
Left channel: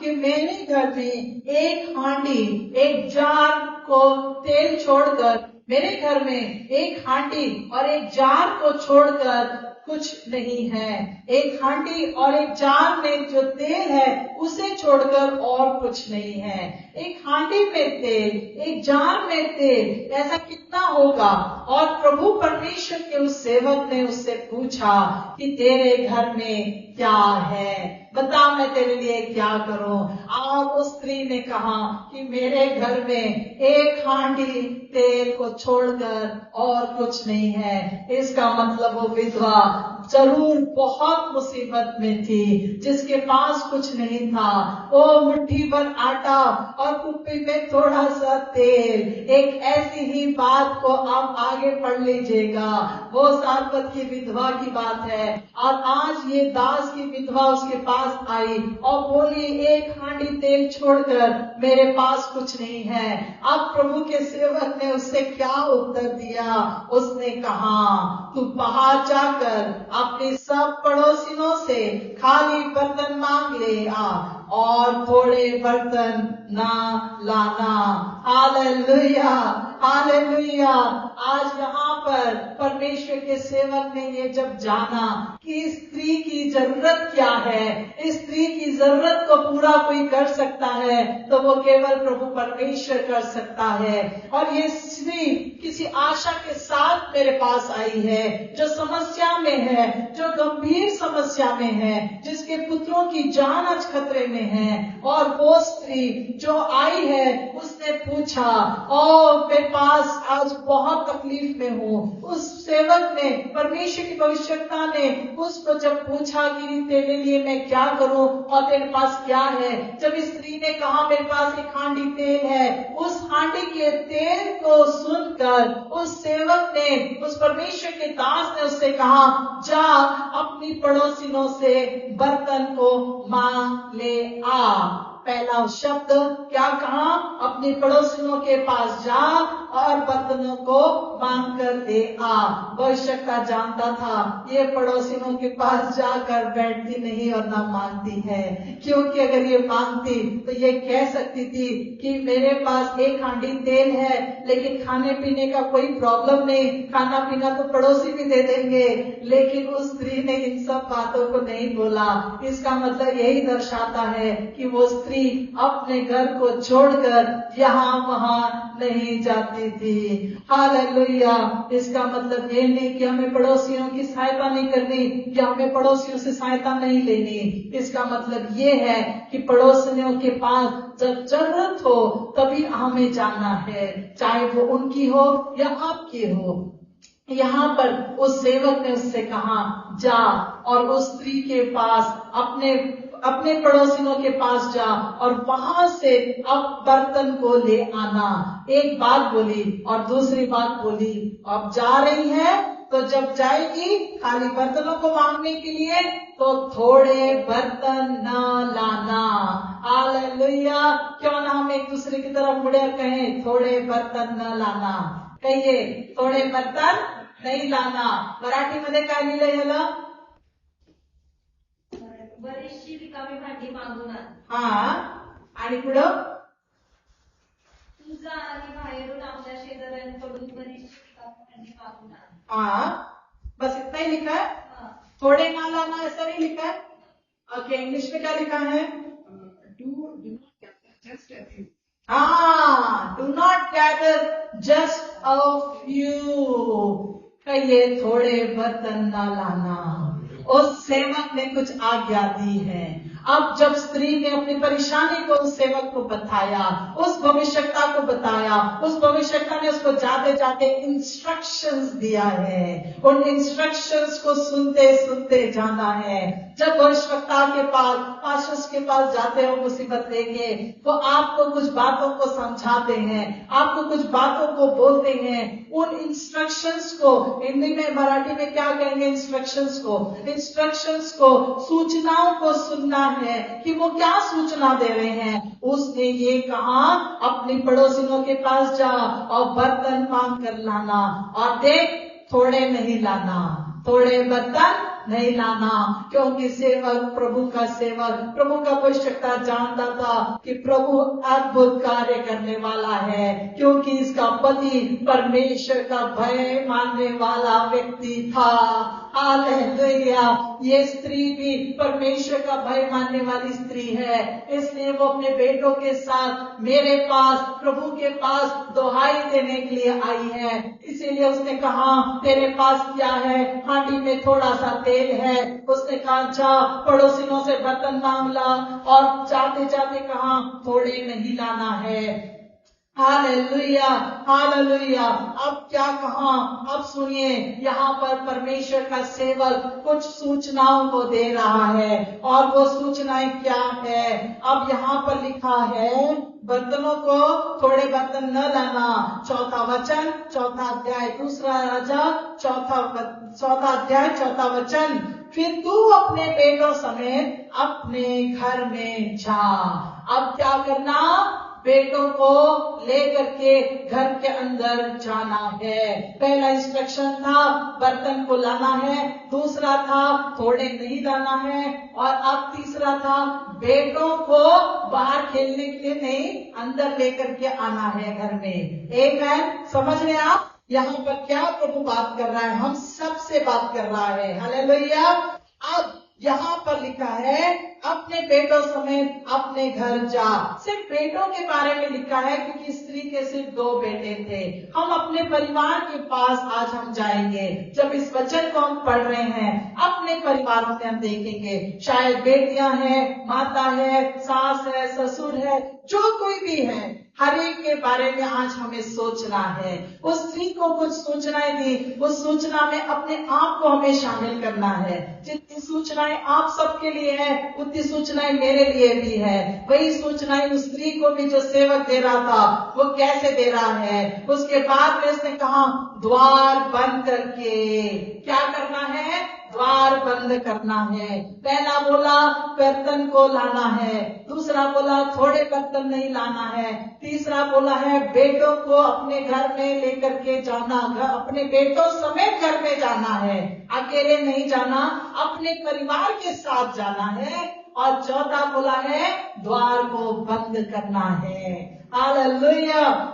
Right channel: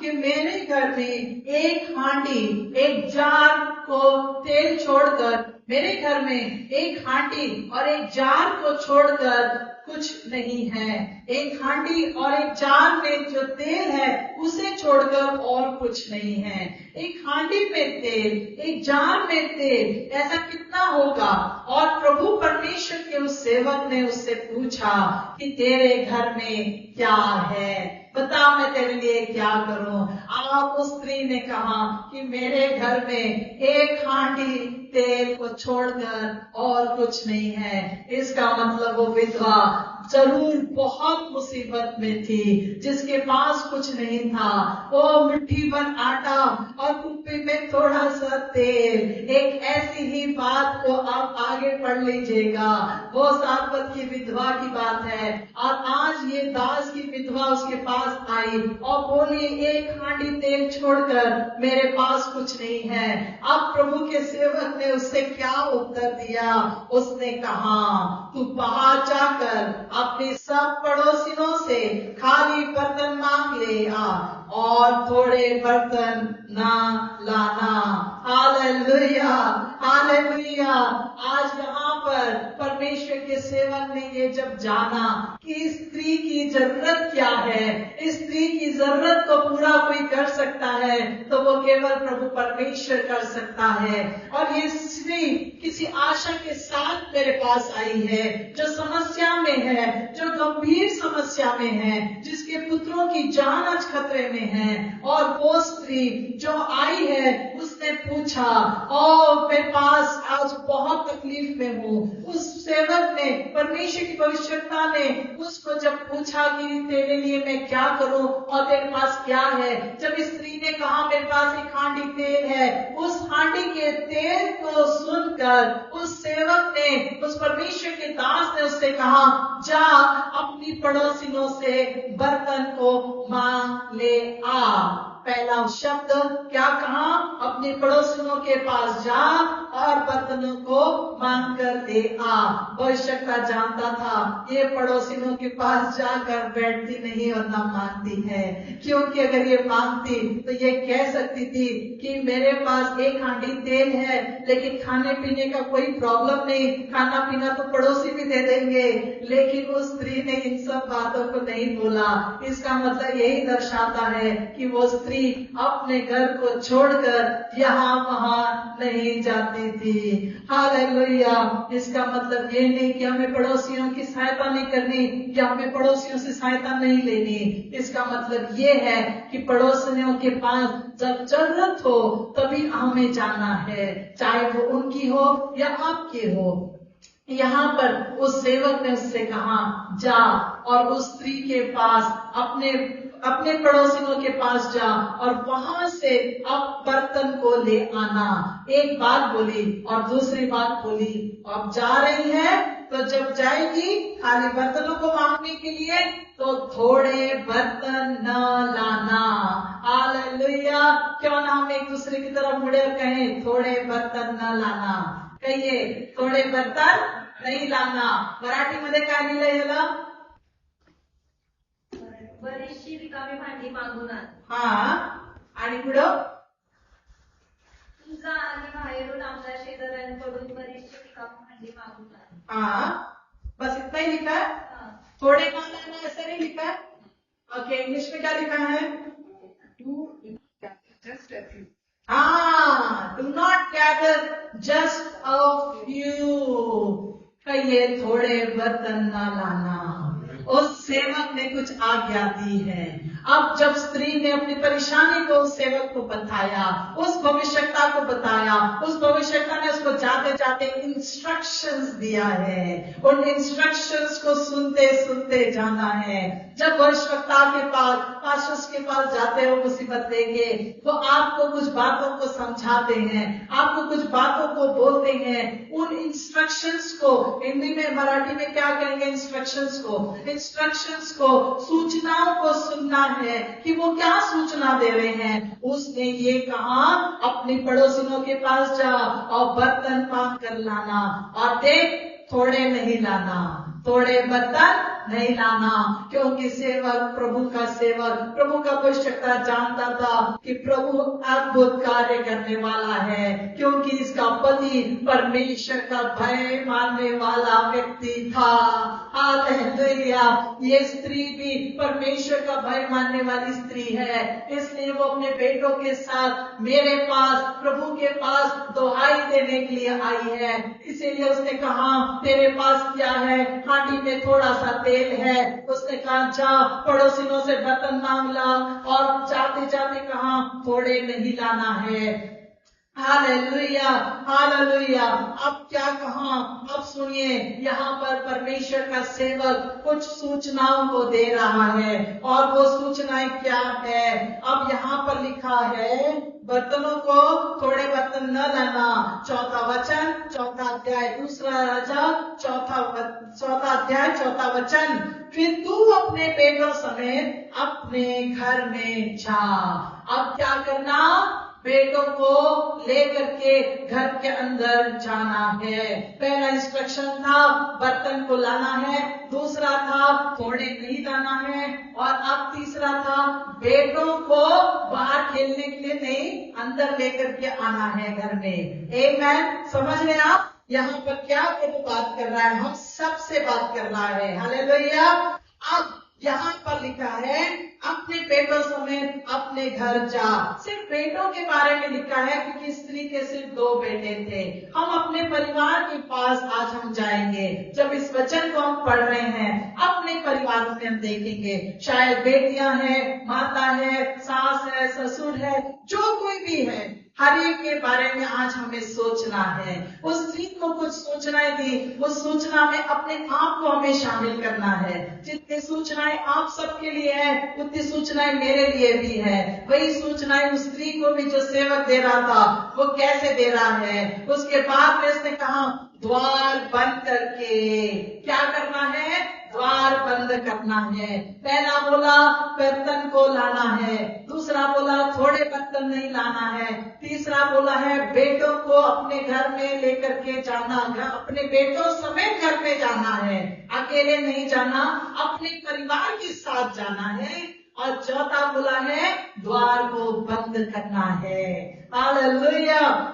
कि मेरे घर में एक हांडी, एक जार को तेल छोड़कर, मेरे घर में एक हांडी और एक जार को छोड़कर कुछ नहीं है। एक हांडी और एक जार में जो तेल है उसे छोड़कर और कुछ नहीं है। एक हांडी में तेल, एक जार में तेल, ऐसा कितना होगा? और प्रभु परमेश्वर के उस सेवक ने उससे पूछा कि तेरे घर में क्या है, बता मैं तेरे लिए क्या करूं। और उस स्त्री ने कहा कि मेरे घर में एक हांडी तेल को छोड़कर और कुछ नहीं है। इसका मतलब वो विधवा जरूर बहुत मुसीबत में थी, जिसके पास कुछ नहीं था। वो मुट्ठी भर आटा और कुप्पी में थोड़ा सा तेल। एक ऐसी ही बात को आप आगे पढ़ लीजिएगा। वो सारपत की विधवा की बात है और आज ये दास की विधवा उसके पास आई और बोली एक हांडी तेल छोड़कर मेरे पास कुछ नहीं है। अब प्रभु के सेवक ने उससे क्या उत्तर दिया? उसने कहा तू बाहर जाकर अपने सब पड़ोसियों से खाली बर्तन मांग ले आ और थोड़े बर्तन ना लाना। Hallelujah, hallelujah. आज यहाँ पर परमेश्वर के सेवक ने ये जब जाना कि इस स्त्री की जरूरत क्या है, इस स्त्री की जरूरत को पूरा कोई कर सकता है तो वो केवल प्रभु परमेश्वर कर सकता है। और ये स्त्री किसी आशा के साथ मेरे पास आई है, जो समस्या में है, जो गंभीर समस्या में है, जिसके पुत्रों की जान आज खतरे में है। और वो स्त्री जो आई है उसने पूछा ओ मेरे पास आज बहुत तकलीफ में हूँ। उस सेवक ने, परमेश्वर की भविष्यवक्ता ने उसको जब पूछा कि तेरे लिए मैं क्या करूं और तेरे पास क्या है, जब इस स्त्री ने कहा मेरे पास एक हांडी तेल है, उस हांडी के तेल को सुनकर उस सेवक ने, उस परमेश्वर के दास ने उससे कहा जा अपनी पड़ोसिनों से बर्तन को मांग ले आ। पहला शब्द क्या कहा? अपने पड़ोसियों के पास जा और बर्तनों को मांग कर ले आ। भविष्यवक्ता जानता था ये पड़ोसियों के पास जाकर बैठती नहीं और ना मांगती है, क्योंकि अगर ये मांगती तो ये कह सकती थी कि मेरे पास एक हांडी तेल है लेकिन खाने पीने का कोई प्रॉब्लम नहीं, खाना पीना तो पड़ोसी भी दे देंगे। लेकिन उस स्त्री ने इन सब बातों को नहीं बोला। इसका मतलब यही दर्शाता है कि वो स्त्री अपने घर को छोड़कर यहाँ वहाँ नहीं जाती थी। हालेलुया। इसका मतलब ये नहीं कि हमें पड़ोसियों की सहायता नहीं करनी या हमें पड़ोसियों से सहायता नहीं लेनी। इसका मतलब ये है कि पड़ोसियों के पास जब जरूरत हो तभी हमें जाना है, चाहे वो उनकी हो या आपकी हो। यहाँ पर उस सेवक ने उससे कहा जा और उस स्त्री के पास अपने पड़ोसियों के पास जा और वहां से अब बर्तन को ले आना। एक बात बोली और दूसरी बात बोली, अब जा रही है तो जब जाएगी खाली बर्तनों को मांगने के लिए तो थोड़े बर्तन न लाना। हालेलुया। क्यों ना हम एक दूसरे की तरफ मुड़े और कहें थोड़े बर्तन न लाना। कहिए थोड़े बर्तन नहीं लाना। मराठीमध्ये काय लिहिलंय याला? बरीचशी रिकामी भांडी मागून आण. हा, आणि पुढं तुझा आणि बाहेरून आपल्या शेजाऱ्यांकडून बरीचशी रिकामी भांडी मागून आण. हाँ, बस इतना ही लिखा है। थोड़े ना लाना ऐसा नहीं लिखा है। ओके, इंग्लिश में क्या लिखा है? हाँ, do not gather just a few. कहिए थोड़े बर्तन ना लाना। उस सेवक ने कुछ आज्ञा दी है। अब जब स्त्री ने अपनी परेशानी को उस सेवक को बताया, उस भविष्यवक्ता को बताया, उस भविष्यवक्ता ने उसको जाते जाते इंस्ट्रक्शंस दिया है। उन इंस्ट्रक्शंस को सुनते सुनते जाना है। जब भविष्यवक्ता के पास, पास्टर्स के पास जाते हो मुसीबत लेके, वो आपको कुछ बातों को समझाते हैं, आपको कुछ बातों को बोलते हैं। उन इंस्ट्रक्शंस को हिंदी में, मराठी में क्या कहेंगे? इंस्ट्रक्शंस को, सूचनाओं को सुनना है कि वो क्या सूचना दे रहे हैं। उसने ये कहा, अपनी पड़ोसियों के पास जा और बर्तन मांग कर लाना, और देख थोड़े नहीं लाना, थोड़े बर्तन नहीं लाना, क्योंकि सेवक, प्रभु का सेवक, प्रभु का भविष्यवक्ता जानता था कि प्रभु अद्भुत कार्य करने वाला है, क्योंकि इसका पति परमेश्वर का भय मानने वाला व्यक्ति था। हालेलुया! ये स्त्री भी परमेश्वर का भय मानने वाली स्त्री है, इसलिए वो अपने बेटों के साथ मेरे पास, प्रभु के पास दुहाई देने के लिए आई है। इसीलिए उसने कहा, तेरे पास क्या है? हांडी में थोड़ा सा तेल है। उसने कहा, जा पड़ोसियों से बर्तन मांग ला, और जाते जाते कहा, थोड़े नहीं लाना है। Hallelujah, hallelujah! अब क्या कहा? अब सुनिए, यहाँ पर परमेश्वर का सेवक कुछ सूचनाओं को दे रहा है, और वो सूचनाएं क्या है? अब यहाँ पर लिखा है, बर्तनों को, थोड़े बर्तन न लाना। चौथा वचन, चौथा अध्याय, दूसरा राजा, चौथा अध्याय, चौथा वचन। फिर तू अपने बेटों समेत अपने घर में जा। अब क्या करना? बेटों को लेकर के घर के अंदर जाना है। पहला इंस्ट्रक्शन था बर्तन को लाना है, दूसरा था थोड़े नहीं लाना है, और अब तीसरा था बेटों को बाहर खेलने के लिए नहीं, अंदर लेकर के आना है घर में। आमेन। समझ रहे आप यहाँ पर क्या प्रभु बात कर रहा है? हम सबसे बात कर रहा है। हालेलुया! अब यहाँ पर लिखा है, अपने बेटों समेत अपने घर जा। सिर्फ बेटों के बारे में लिखा है, क्योंकि स्त्री के सिर्फ 2 बेटे थे। हम अपने परिवार के पास आज हम जाएंगे। जब इस वचन को हम पढ़ रहे हैं, अपने परिवारों में हम देखेंगे, शायद बेटियां हैं, माता है, सास है, ससुर है, जो कोई भी है, हर एक के बारे में आज हमें सोचना है। उस स्त्री को कुछ सूचनाएं दी, उस सूचना में अपने आप को हमें शामिल करना है। जितनी सूचनाएं आप सबके लिए है, उतनी सूचनाएं मेरे लिए भी है। वही सूचनाएं उस स्त्री को भी जो सेवक दे रहा था, वो कैसे दे रहा है? उसके बाद में उसने कहा, द्वार बंद करके क्या करना है? द्वार बंद करना है। पहला बोला बर्तन को लाना है, दूसरा बोला थोड़े बर्तन नहीं लाना है, तीसरा बोला है बेटों को अपने घर में लेकर के जाना, अपने बेटों समेत घर में जाना है, अकेले नहीं जाना, अपने परिवार के साथ जाना है, और चौथा बोला है द्वार को बंद करना है। हालेलुया!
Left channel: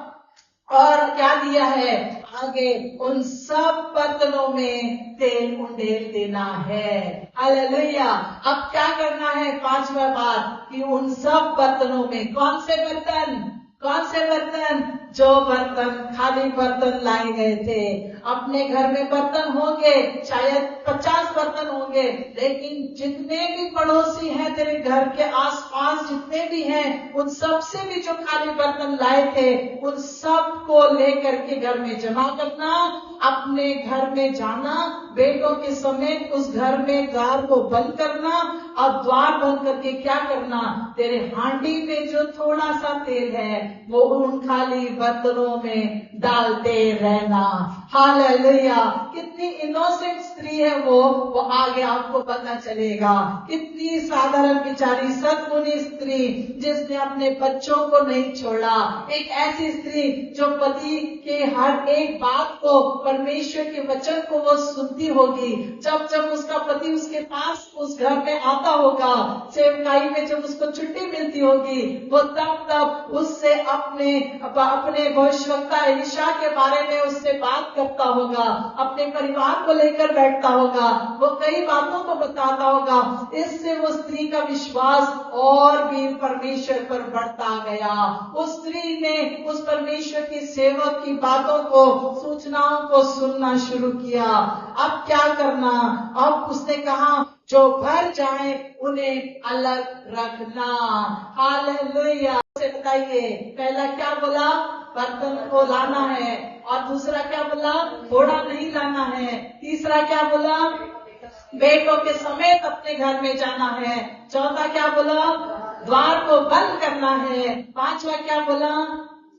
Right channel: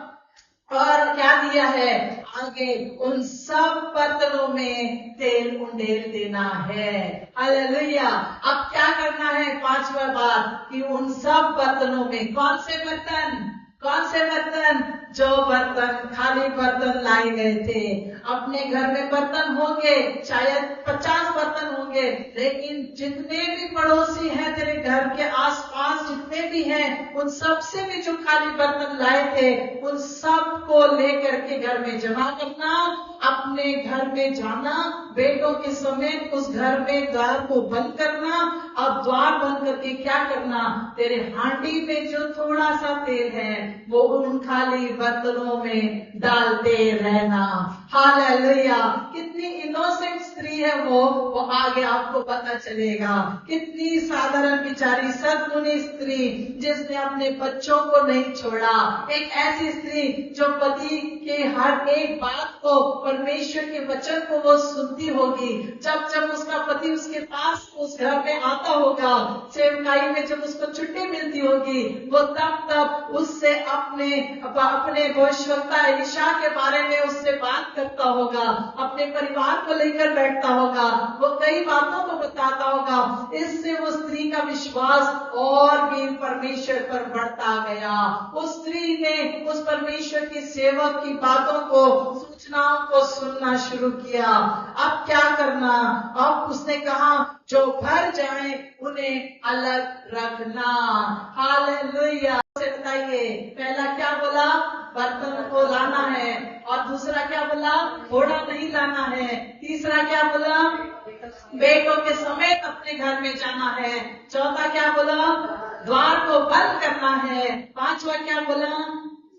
और क्या दिया है आगे? उन सब बर्तनों में तेल उंडेल देना है। हालेलुया! अब क्या करना है? 5वां बात कि उन सब बर्तनों में, कौन से बर्तन? कौन से बर्तन? जो बर्तन, खाली बर्तन लाए गए थे। अपने घर में बर्तन होंगे, शायद 50 बर्तन होंगे, लेकिन जितने भी पड़ोसी हैं तेरे घर के आसपास, जितने भी हैं, उन सब से भी जो खाली बर्तन लाए थे, उन सब को लेकर के घर में जमा करना, अपने घर में जाना, बेटों के समेत उस घर में द्वार को बंद करना। अब द्वार बंद करके क्या करना? तेरे हांडी में जो थोड़ा सा तेल है, वो उन खाली बर्तनों में डालते रहना। हालेलुया! कितनी इनोसेंट स्त्री है वो आगे आपको पता चलेगा। कितनी साधारण बिचारी सद्गुणी स्त्री, जिसने अपने बच्चों को नहीं छोड़ा। एक ऐसी स्त्री जो पति के हर एक बात को, परमेश्वर के वचन को वो सुनती होगी। जब जब उसका पति उसके पास उस घर में आता होगा, सेवकाई में जब उसको छुट्टी मिलती होगी, वो तब उससे अपने भविष्यवक्ता एलीशा के बारे में उससे बात करता होगा, अपने परिवार को लेकर बैठता होगा, वो कई बातों को बताता होगा। इससे वो स्त्री का विश्वास और भी परमेश्वर पर बढ़ता गया। उस स्त्री ने उस परमेश्वर की सेवक की बातों को, सूचनाओं को सुनना शुरू किया। अब क्या करना? अब उसने कहा जो भर जाए उन्हें अलग रखना। हालेलुया। से बताइए, पहला क्या बोला? बर्तन को लाना है। और दूसरा क्या बोला? घोड़ा नहीं लाना है। तीसरा क्या बोला? बेटों के समेत अपने घर में जाना है। चौथा क्या बोला? द्वार को बंद करना है। पांचवा क्या बोला?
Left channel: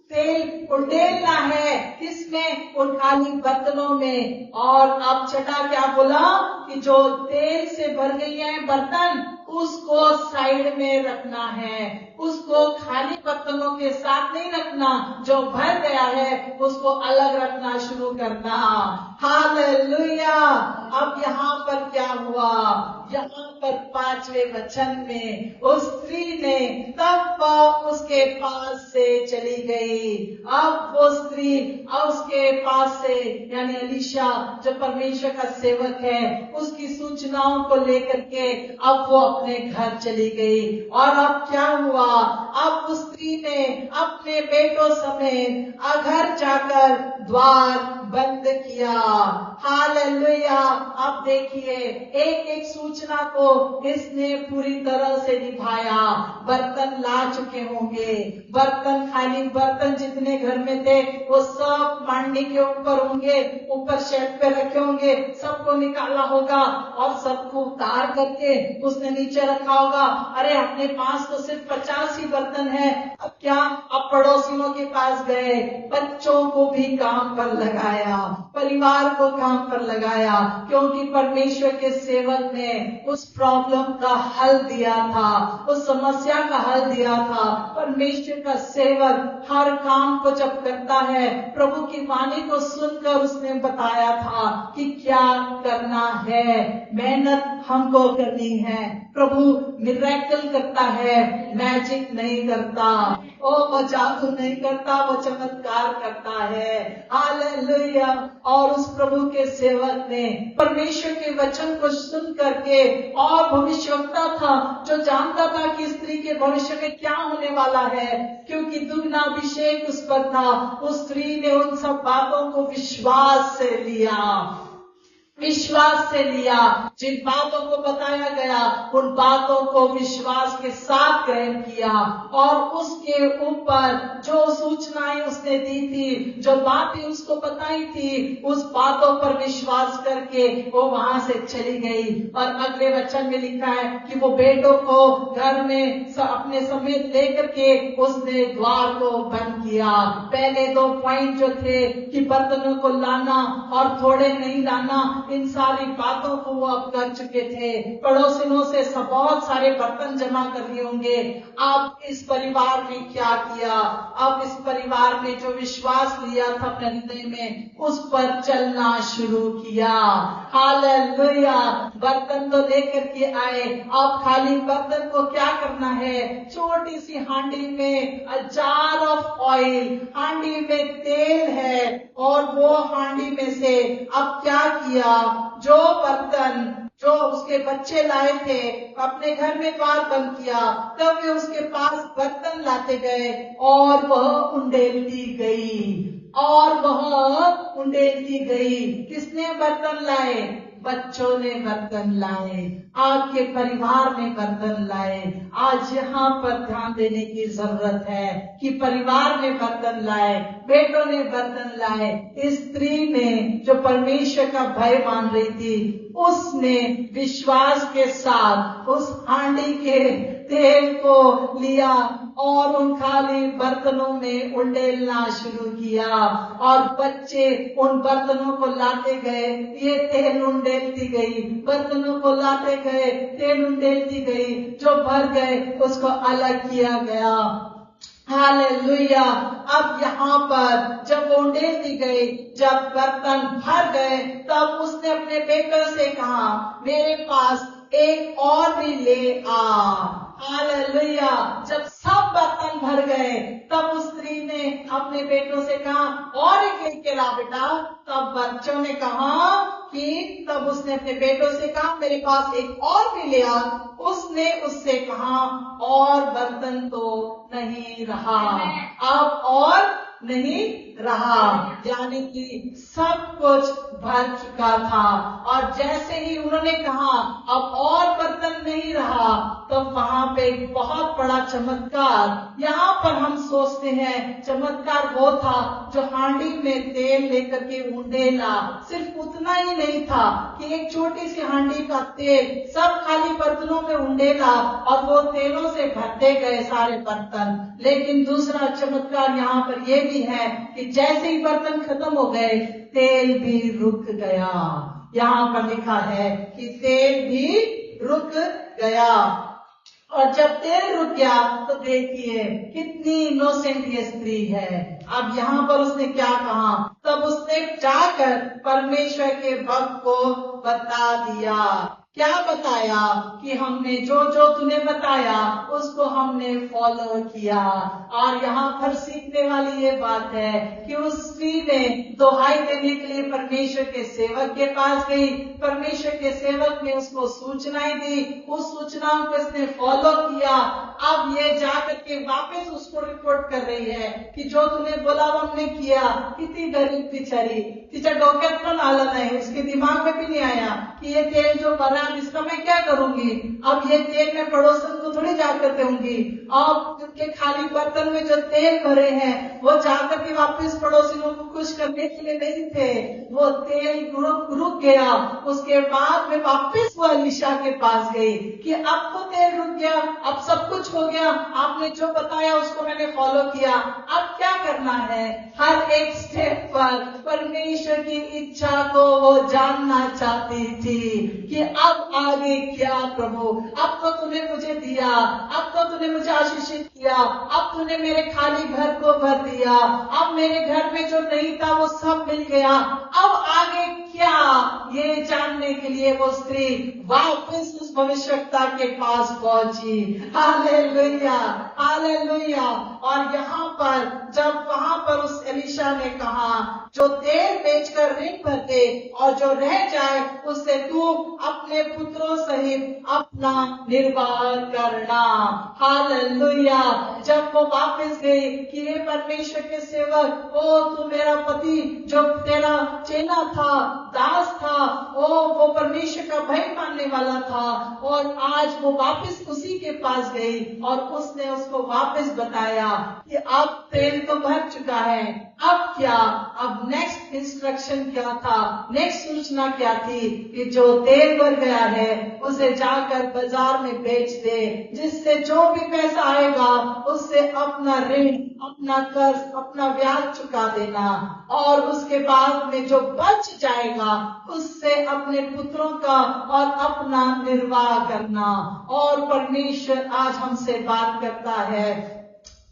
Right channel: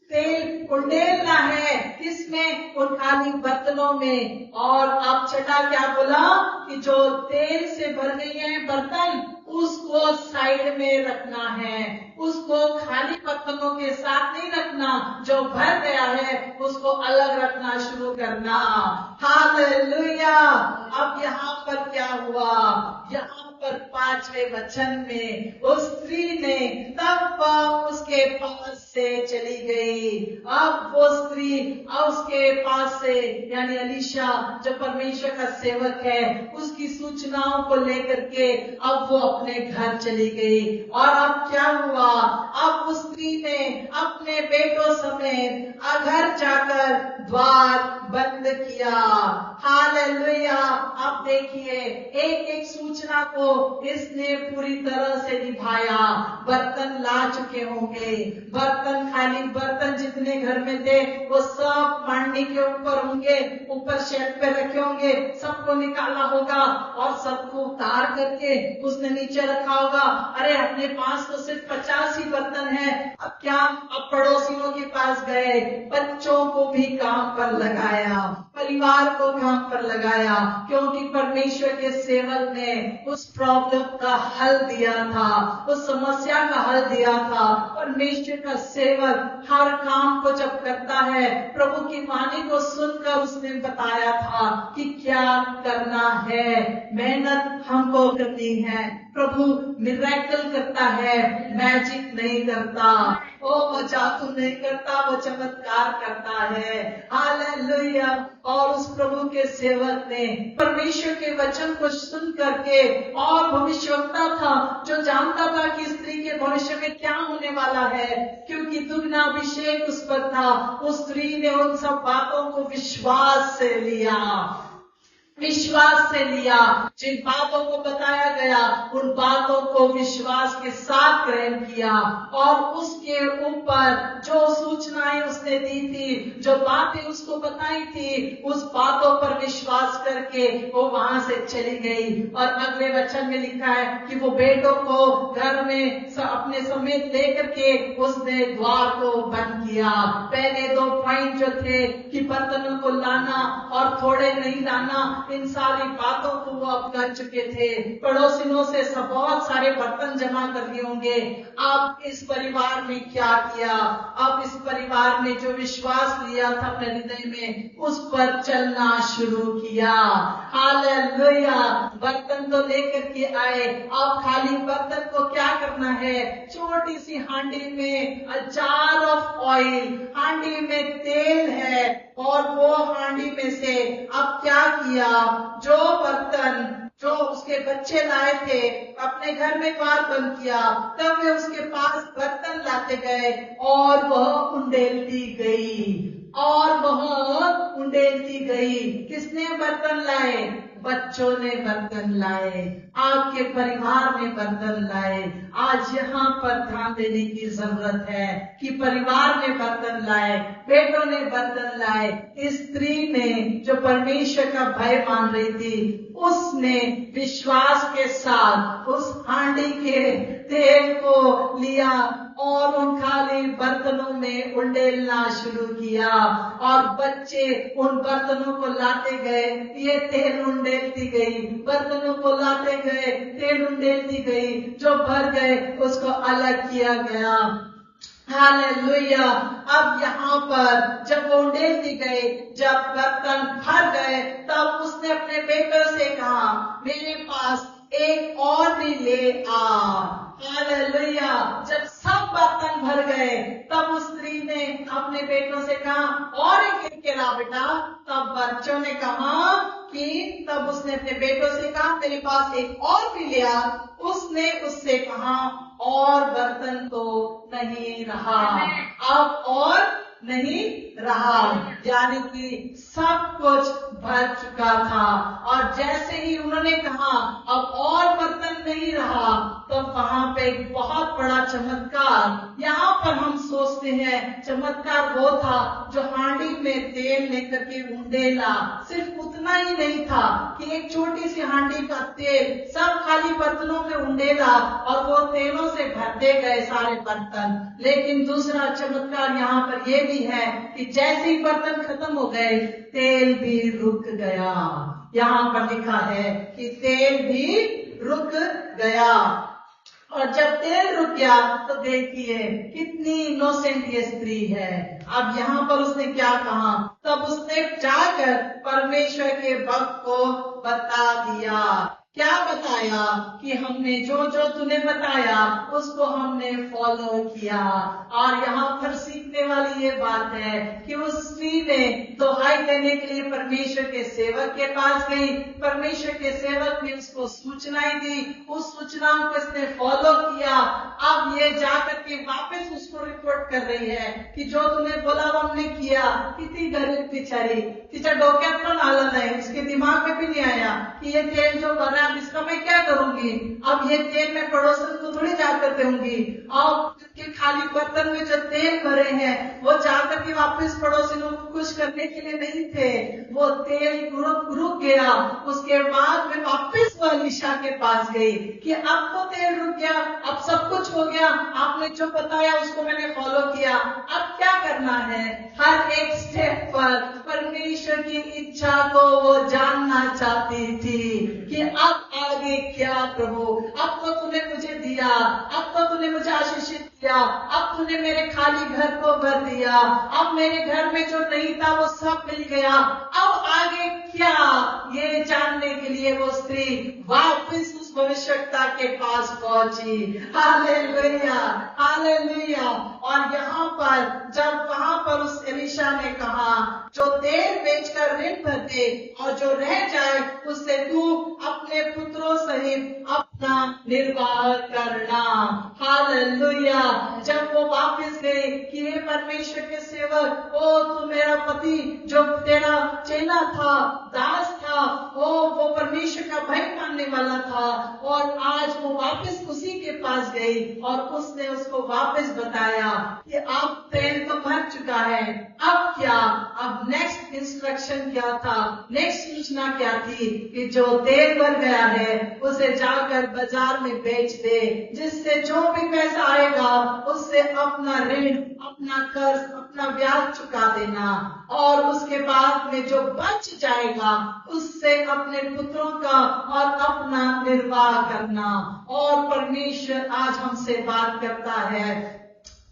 तेल उंडेलना है। किसमें? उन खाली बर्तनों में। और अब छठा क्या बोला? कि जो तेल से भर गई है बर्तन, उसको साइड में रखना है। उसको खाली बर्तनों के साथ नहीं रखना, जो भर गया है उसको अलग रखना शुरू करना। हालेलुया। अब यहाँ पर क्या हुआ? यहाँ पर 5वें वचन में उस स्त्री ने तब उसके पास से चली गई। अब वो स्त्री उसके पास से, यानी एलीशा जो परमेश्वर का सेवक है, उसकी सूचनाओं को लेकर के अब वो अपने घर चली गई। और अब क्या हुआ? अब उस स्त्री ने अपने बेटों समेत घर जाकर द्वार बंद किया। हालेलुया। अब देखिए, एक एक सूचना को इसने पूरी तरह से निभाया। बर्तन ला चुके होंगे, बर्तन, खाली बर्तन जितने घर में थे वो सब मांडी के ऊपर होंगे, ऊपर शेल्फ पे रखे होंगे, सबको निकाला होगा और सबको उतार करके उसने नीचे रखा होगा। अरे अपने पास तो सिर्फ 50 ही बर्तन है, अब क्या? अब पड़ोसियों के पास गए, बच्चों को भी काम पर लगाया, परिवार को काम पर लगाया, क्योंकि परमेश्वर के सेवक ने उस प्रॉब्लम का हल दिया था, उस समस्या का हल दिया था। परमेश्वर का सेवक हर काम को जब करता है, प्रभु की वाणी को सुनकर उसने बताया था कि क्या करना है। मेहनत हमको करनी है। प्रभु मिरेकल करता है, मैजिक नहीं करता। वो जादू नहीं करता, वो चमत्कार करता है। हालेलुया। और उस प्रभु के सेवक ने परमेश्वर के वचन को सुन करके, और भविष्यवक्ता था जो जानता था कि स्त्री के भविष्य में क्या होने वाला है, क्योंकि दुगना अभिषेक उस पर था। उस स्त्री ने उन सब बातों को विश्वास से लिया, विश्वास से लिया। जिन बातों को बताया गया उन बातों को विश्वास के साथ ग्रहण किया, और उसके ऊपर जो सूचनाएं उसने दी थी, जो बातें उसको बताई थी, उस बातों पर विश्वास करके वो वहां से चली गई। और अगले वचन में लिखा है कि वो बेटों को घर में अपने समेत लेकर के उसने द्वार को बंद किया। पहले 2 पॉइंट जो थे कि बर्तनों को लाना और थोड़े नहीं लाना, इन सारी बातों को वो अब कर चुके थे। पड़ोसियों से बहुत सारे बर्तन जमा कर लिए होंगे। अब इस परिवार ने क्या किया? अब इस परिवार ने जो विश्वास लिया था अपने हृदय में, उस पर चलना शुरू किया। हालेलुया। बर्तन तो लेकर के आए, अब खाली बर्तन को क्या करना है? छोटी सी हांडी में जार ऑफ ऑयल, हांडी में तेल है, और वो हांडी में से अब क्या किया? जो बर्तन जो उसके बच्चे लाए थे, अपने घर में द्वार बंद किया, तब वे उसके पास बर्तन लाते गए और वह उंडेलती गई, और वह उंडेलती गई। किसने बर्तन लाए? बच्चों ने बर्तन लाए, आपके परिवार ने बर्तन लाए। आज यहाँ पर ध्यान देने की जरूरत है कि परिवार ने बर्तन लाए, बेटों ने बर्तन लाए। इस स्त्री ने जो परमेश्वर का भय मान रही थी, उसने विश्वास के साथ उस हांडी के तेल को लिया और उन खाली बर्तनों में उंडेलना शुरू किया, और बच्चे उन बर्तनों को लाते गए, ये तेल उंडेलती गई, बर्तनों को लाते गए, तेल उंडेलती गई, जो भर गए उसको अलग किया गया। हालेलुया। अब यहाँ पर जब उंडेलती गई, जब बर्तन भर गए, तब उसने अपने बेटों से कहा, मेरे पास एक और भी ले आ। हालेलुया। जब सब बर्तन भर गए, तब उस स्त्री ने अपने बेटों से कहा, और एक लेके ला बेटा। तब बच्चों ने कहा कि तब उसने अपने बेटों से कहा, मेरे पास एक और भी ले आ। उसने उससे कहा, और बर्तन तो नहीं रहा, अब और नहीं रहा, यानी कि सब कुछ भर चुका था। और जैसे ही उन्होंने कहा अब और बर्तन नहीं रहा, तो वहां पे एक बहुत बड़ा चमत्कार, यहाँ पर हम सोचते हैं चमत्कार वो था जो हांडी में तेल लेकर के उंडेला। सिर्फ उतना ही नहीं था कि एक छोटी सी हांडी का तेल सब खाली बर्तनों में उंडेला और वो तेलों से भरते गए सारे बर्तन। लेकिन दूसरा चमत्कार यहाँ पर ये भी है कि जैसे ही बर्तन खत्म हो गए, तेल भी रुक गया। यहाँ पर लिखा है कि तेल भी रुक गया। और जब तेल रुक गया तो देखिए कितनी इनोसेंट ये स्त्री है। अब यहाँ पर उसने क्या कहा, तब उसने जाकर परमेश्वर के भक्त को बता दिया। क्या बताया कि हमने जो जो तूने बताया उसको हमने फॉलो किया। और यहाँ पर सीखने वाली ये बात है कि उस स्त्री ने दुहाई देने के लिए परमेश्वर के सेवक के पास गई। परमेश्वर के सेवक ने उसको सूचनाएं दी, उस सूचनाओं को इसने फॉलो किया। अब ये जाकर के वापस उसको रिपोर्ट कर रही है कि जो तूने बोला वो हमने किया। कितनी गरीब बिचारी, तिच्या डोक्यात पण आलं नाही, उसके दिमाग में भी नहीं आया कि ये तेल जो भरा है इसका मैं क्या करूंगी। अब ये तेल मैं पड़ोसन को थोड़ी जाकर दूंगी। अब के खाली बर्तन में जो तेल भरे हैं वो जाकर के वापस पड़ोसियों को खुश करने के लिए नहीं थे, वो तेल रुक गया। उसके बाद में वापस वो एलीशा के पास गई कि अब तो तेल रुक गया, अब सब कुछ हो गया, आपने जो बताया उसको मैंने फॉलो किया, अब क्या करना है। हर एक स्टेप पर परमेश्वर की इच्छा को वो जानना चाहती थी कि अब आगे क्या प्रभु, अब तो तूने मुझे दिया, अब तो तूने मुझे आशीषित किया, अब तूने मेरे खाली घर को भर दिया, अब मेरे घर में जो नहीं था वो सब मिल गया, अब आगे क्या, ये जानने के लिए वो स्त्री वापस उस भविष्यवक्ता के पास पहुंची। Hallelujah, hallelujah. और यहाँ पर जब वहां पर उस एलीशा ने कहा जो तेल बेचकर ऋण भर दे और जो रह जाए उससे तू अपने पुत्रों सहित अपना निर्वाह करना। हालेलुया। जब वो वापस गई कि हे परमेश्वर के सेवक, ओ तू मेरा पति जो तेरा चेला था, दास था, वो परमेश्वर का भय मानने वाला था, और आज वो वापस उसी के पास गई और उसने उसको वापस बताया कि अब तेल तो भर चुका है, अब क्या। अब नेक्स्ट इंस्ट्रक्शन क्या था, नेक्स्ट सूचना क्या थी कि जो तेल भर गया है उसे जाकर बाजार में बेच दे, जिससे जो भी पैसा आएगा उससे अपना ऋण, अपना कर्ज, अपना ब्याज चुका देना, और उसके बाद में जो बच जाएगा उससे अपने पुत्रों का और अपना निर्वाह करना। और परमेश्वर आज हमसे बात करता है,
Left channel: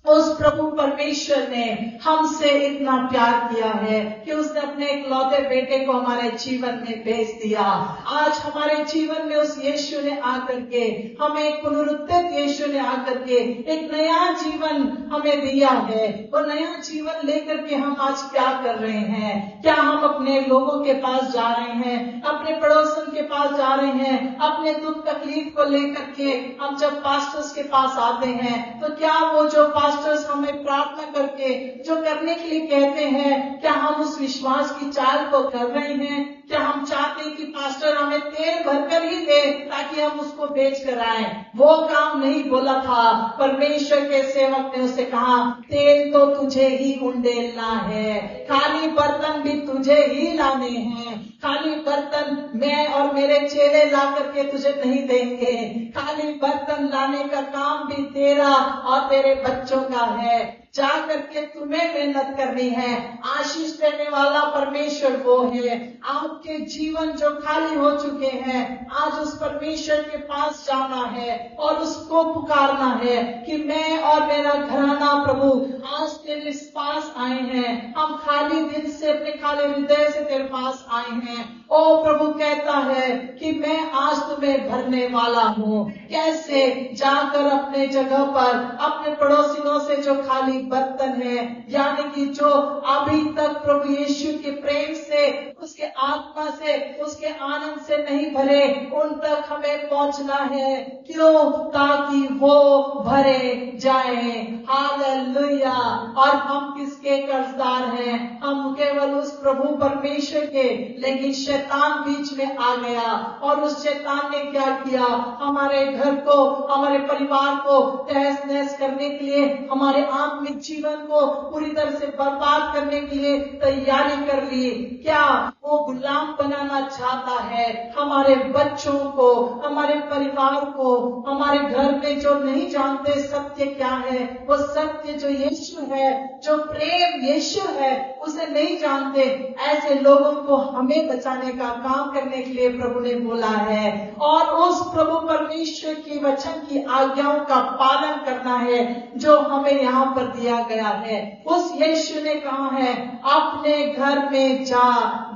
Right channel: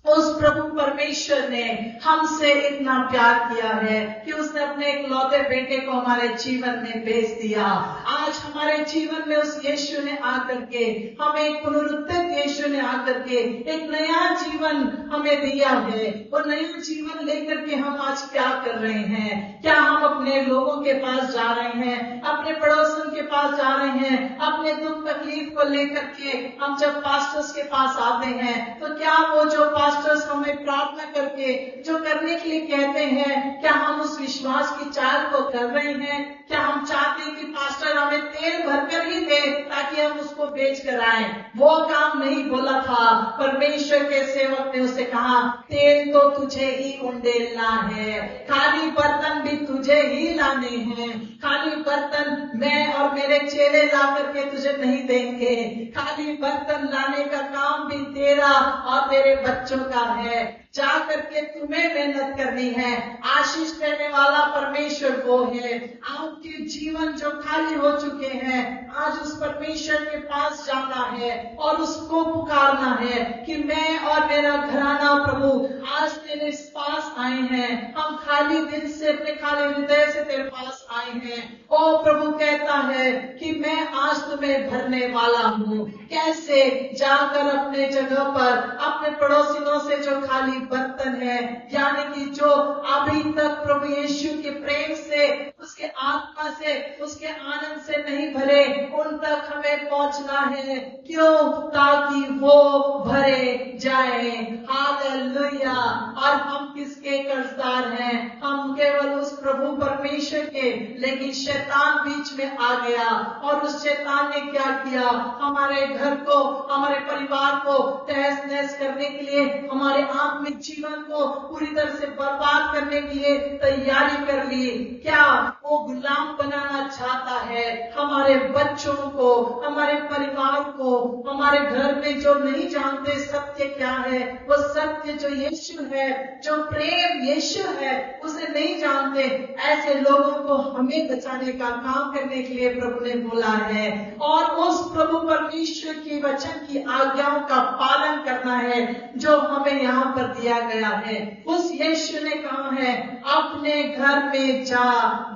उस प्रभु परमेश्वर ने हमसे इतना प्यार किया है कि उसने अपने इकलौते बेटे को हमारे जीवन में भेज दिया। आज हमारे जीवन में उस यीशु ने आकर के हमें, एक पुनरुत्थित यीशु ने आकर के एक नया जीवन हमें दिया है। वो नया जीवन लेकर के हम आज क्या कर रहे हैं? क्या हम अपने लोगों के पास जा रहे हैं, अपने पड़ोसन के पास जा रहे हैं, अपने दुख तकलीफ को लेकर के हम जब पास्टर्स के पास आते हैं तो क्या वो जो पास्टर्स हमें प्रार्थना करके जो करने के लिए कहते हैं, क्या हम उस विश्वास की चाल को कर रहे हैं? क्या हम चाहते हैं कि पास्टर हमें तेल भरकर ही दे ताकि हम उसको बेच कर आए? वो काम नहीं बोला था। परमेश्वर के सेवक ने उसे कहा, तेल तो तुझे ही उंडेलना है, खाली बर्तन भी तुझे ही लाने हैं, खाली बर्तन मैं और मेरे चेले ला करके तुझे नहीं देंगे, खाली बर्तन लाने का काम भी तेरा और तेरे बच्चों का है। जा करके तुम्हें मेहनत करनी है। आशीष देने वाला परमेश्वर वो है। आपके जीवन जो खाली हो चुके हैं, आज उस परमेश्वर के पास जाना है और उसको पुकारना है कि मैं और मेरा घराना प्रभु आज तेरे पास आए हैं, हम खाली दिल से, अपने खाली हृदय से तेरे पास आए हैं। ओ प्रभु कहता है कि मैं आज तुम्हें भरने वाला हूँ। कैसे? जाकर अपने जगह पर अपने पड़ोसियों से जो खाली बर्तन है, यानी कि जो अभी तक प्रभु यीशु के प्रेम से, उसके आत्मा से, उसके आनंद से नहीं भरे, उन तक हमें पहुंचना है। क्यों? ताकि वो भरे जाए। हालेलुया। और हम किसके कर्जदार हैं? हम केवल उस प्रभु परमेश्वर के। लेकिन शैतान बीच में आ गया और उस शैतान ने क्या किया? हमारे घर को, हमारे परिवार को तहस नहस करने के लिए, हमारे आत्मिक जीवन को पूरी तरह से बर्बाद करने के लिए तैयारी कर ली। क्या वो गुलाम बनाना चाहता है हमारे बच्चों को, हमारे परिवार को, हमारे घर में जो नहीं जानते सत्य क्या है, वो सत्य जो यीशु है, जो प्रेम यीशु है, उसे नहीं जानते। ऐसे लोगों को हमें बचाने का काम करने के लिए प्रभु ने बोला है और उस प्रभु परमेश्वर की वचन की आज्ञाओं का पालन करना है जो हमें यहाँ पर दिया गया है। उस यीशु ने कहा है, अपने घर में जा,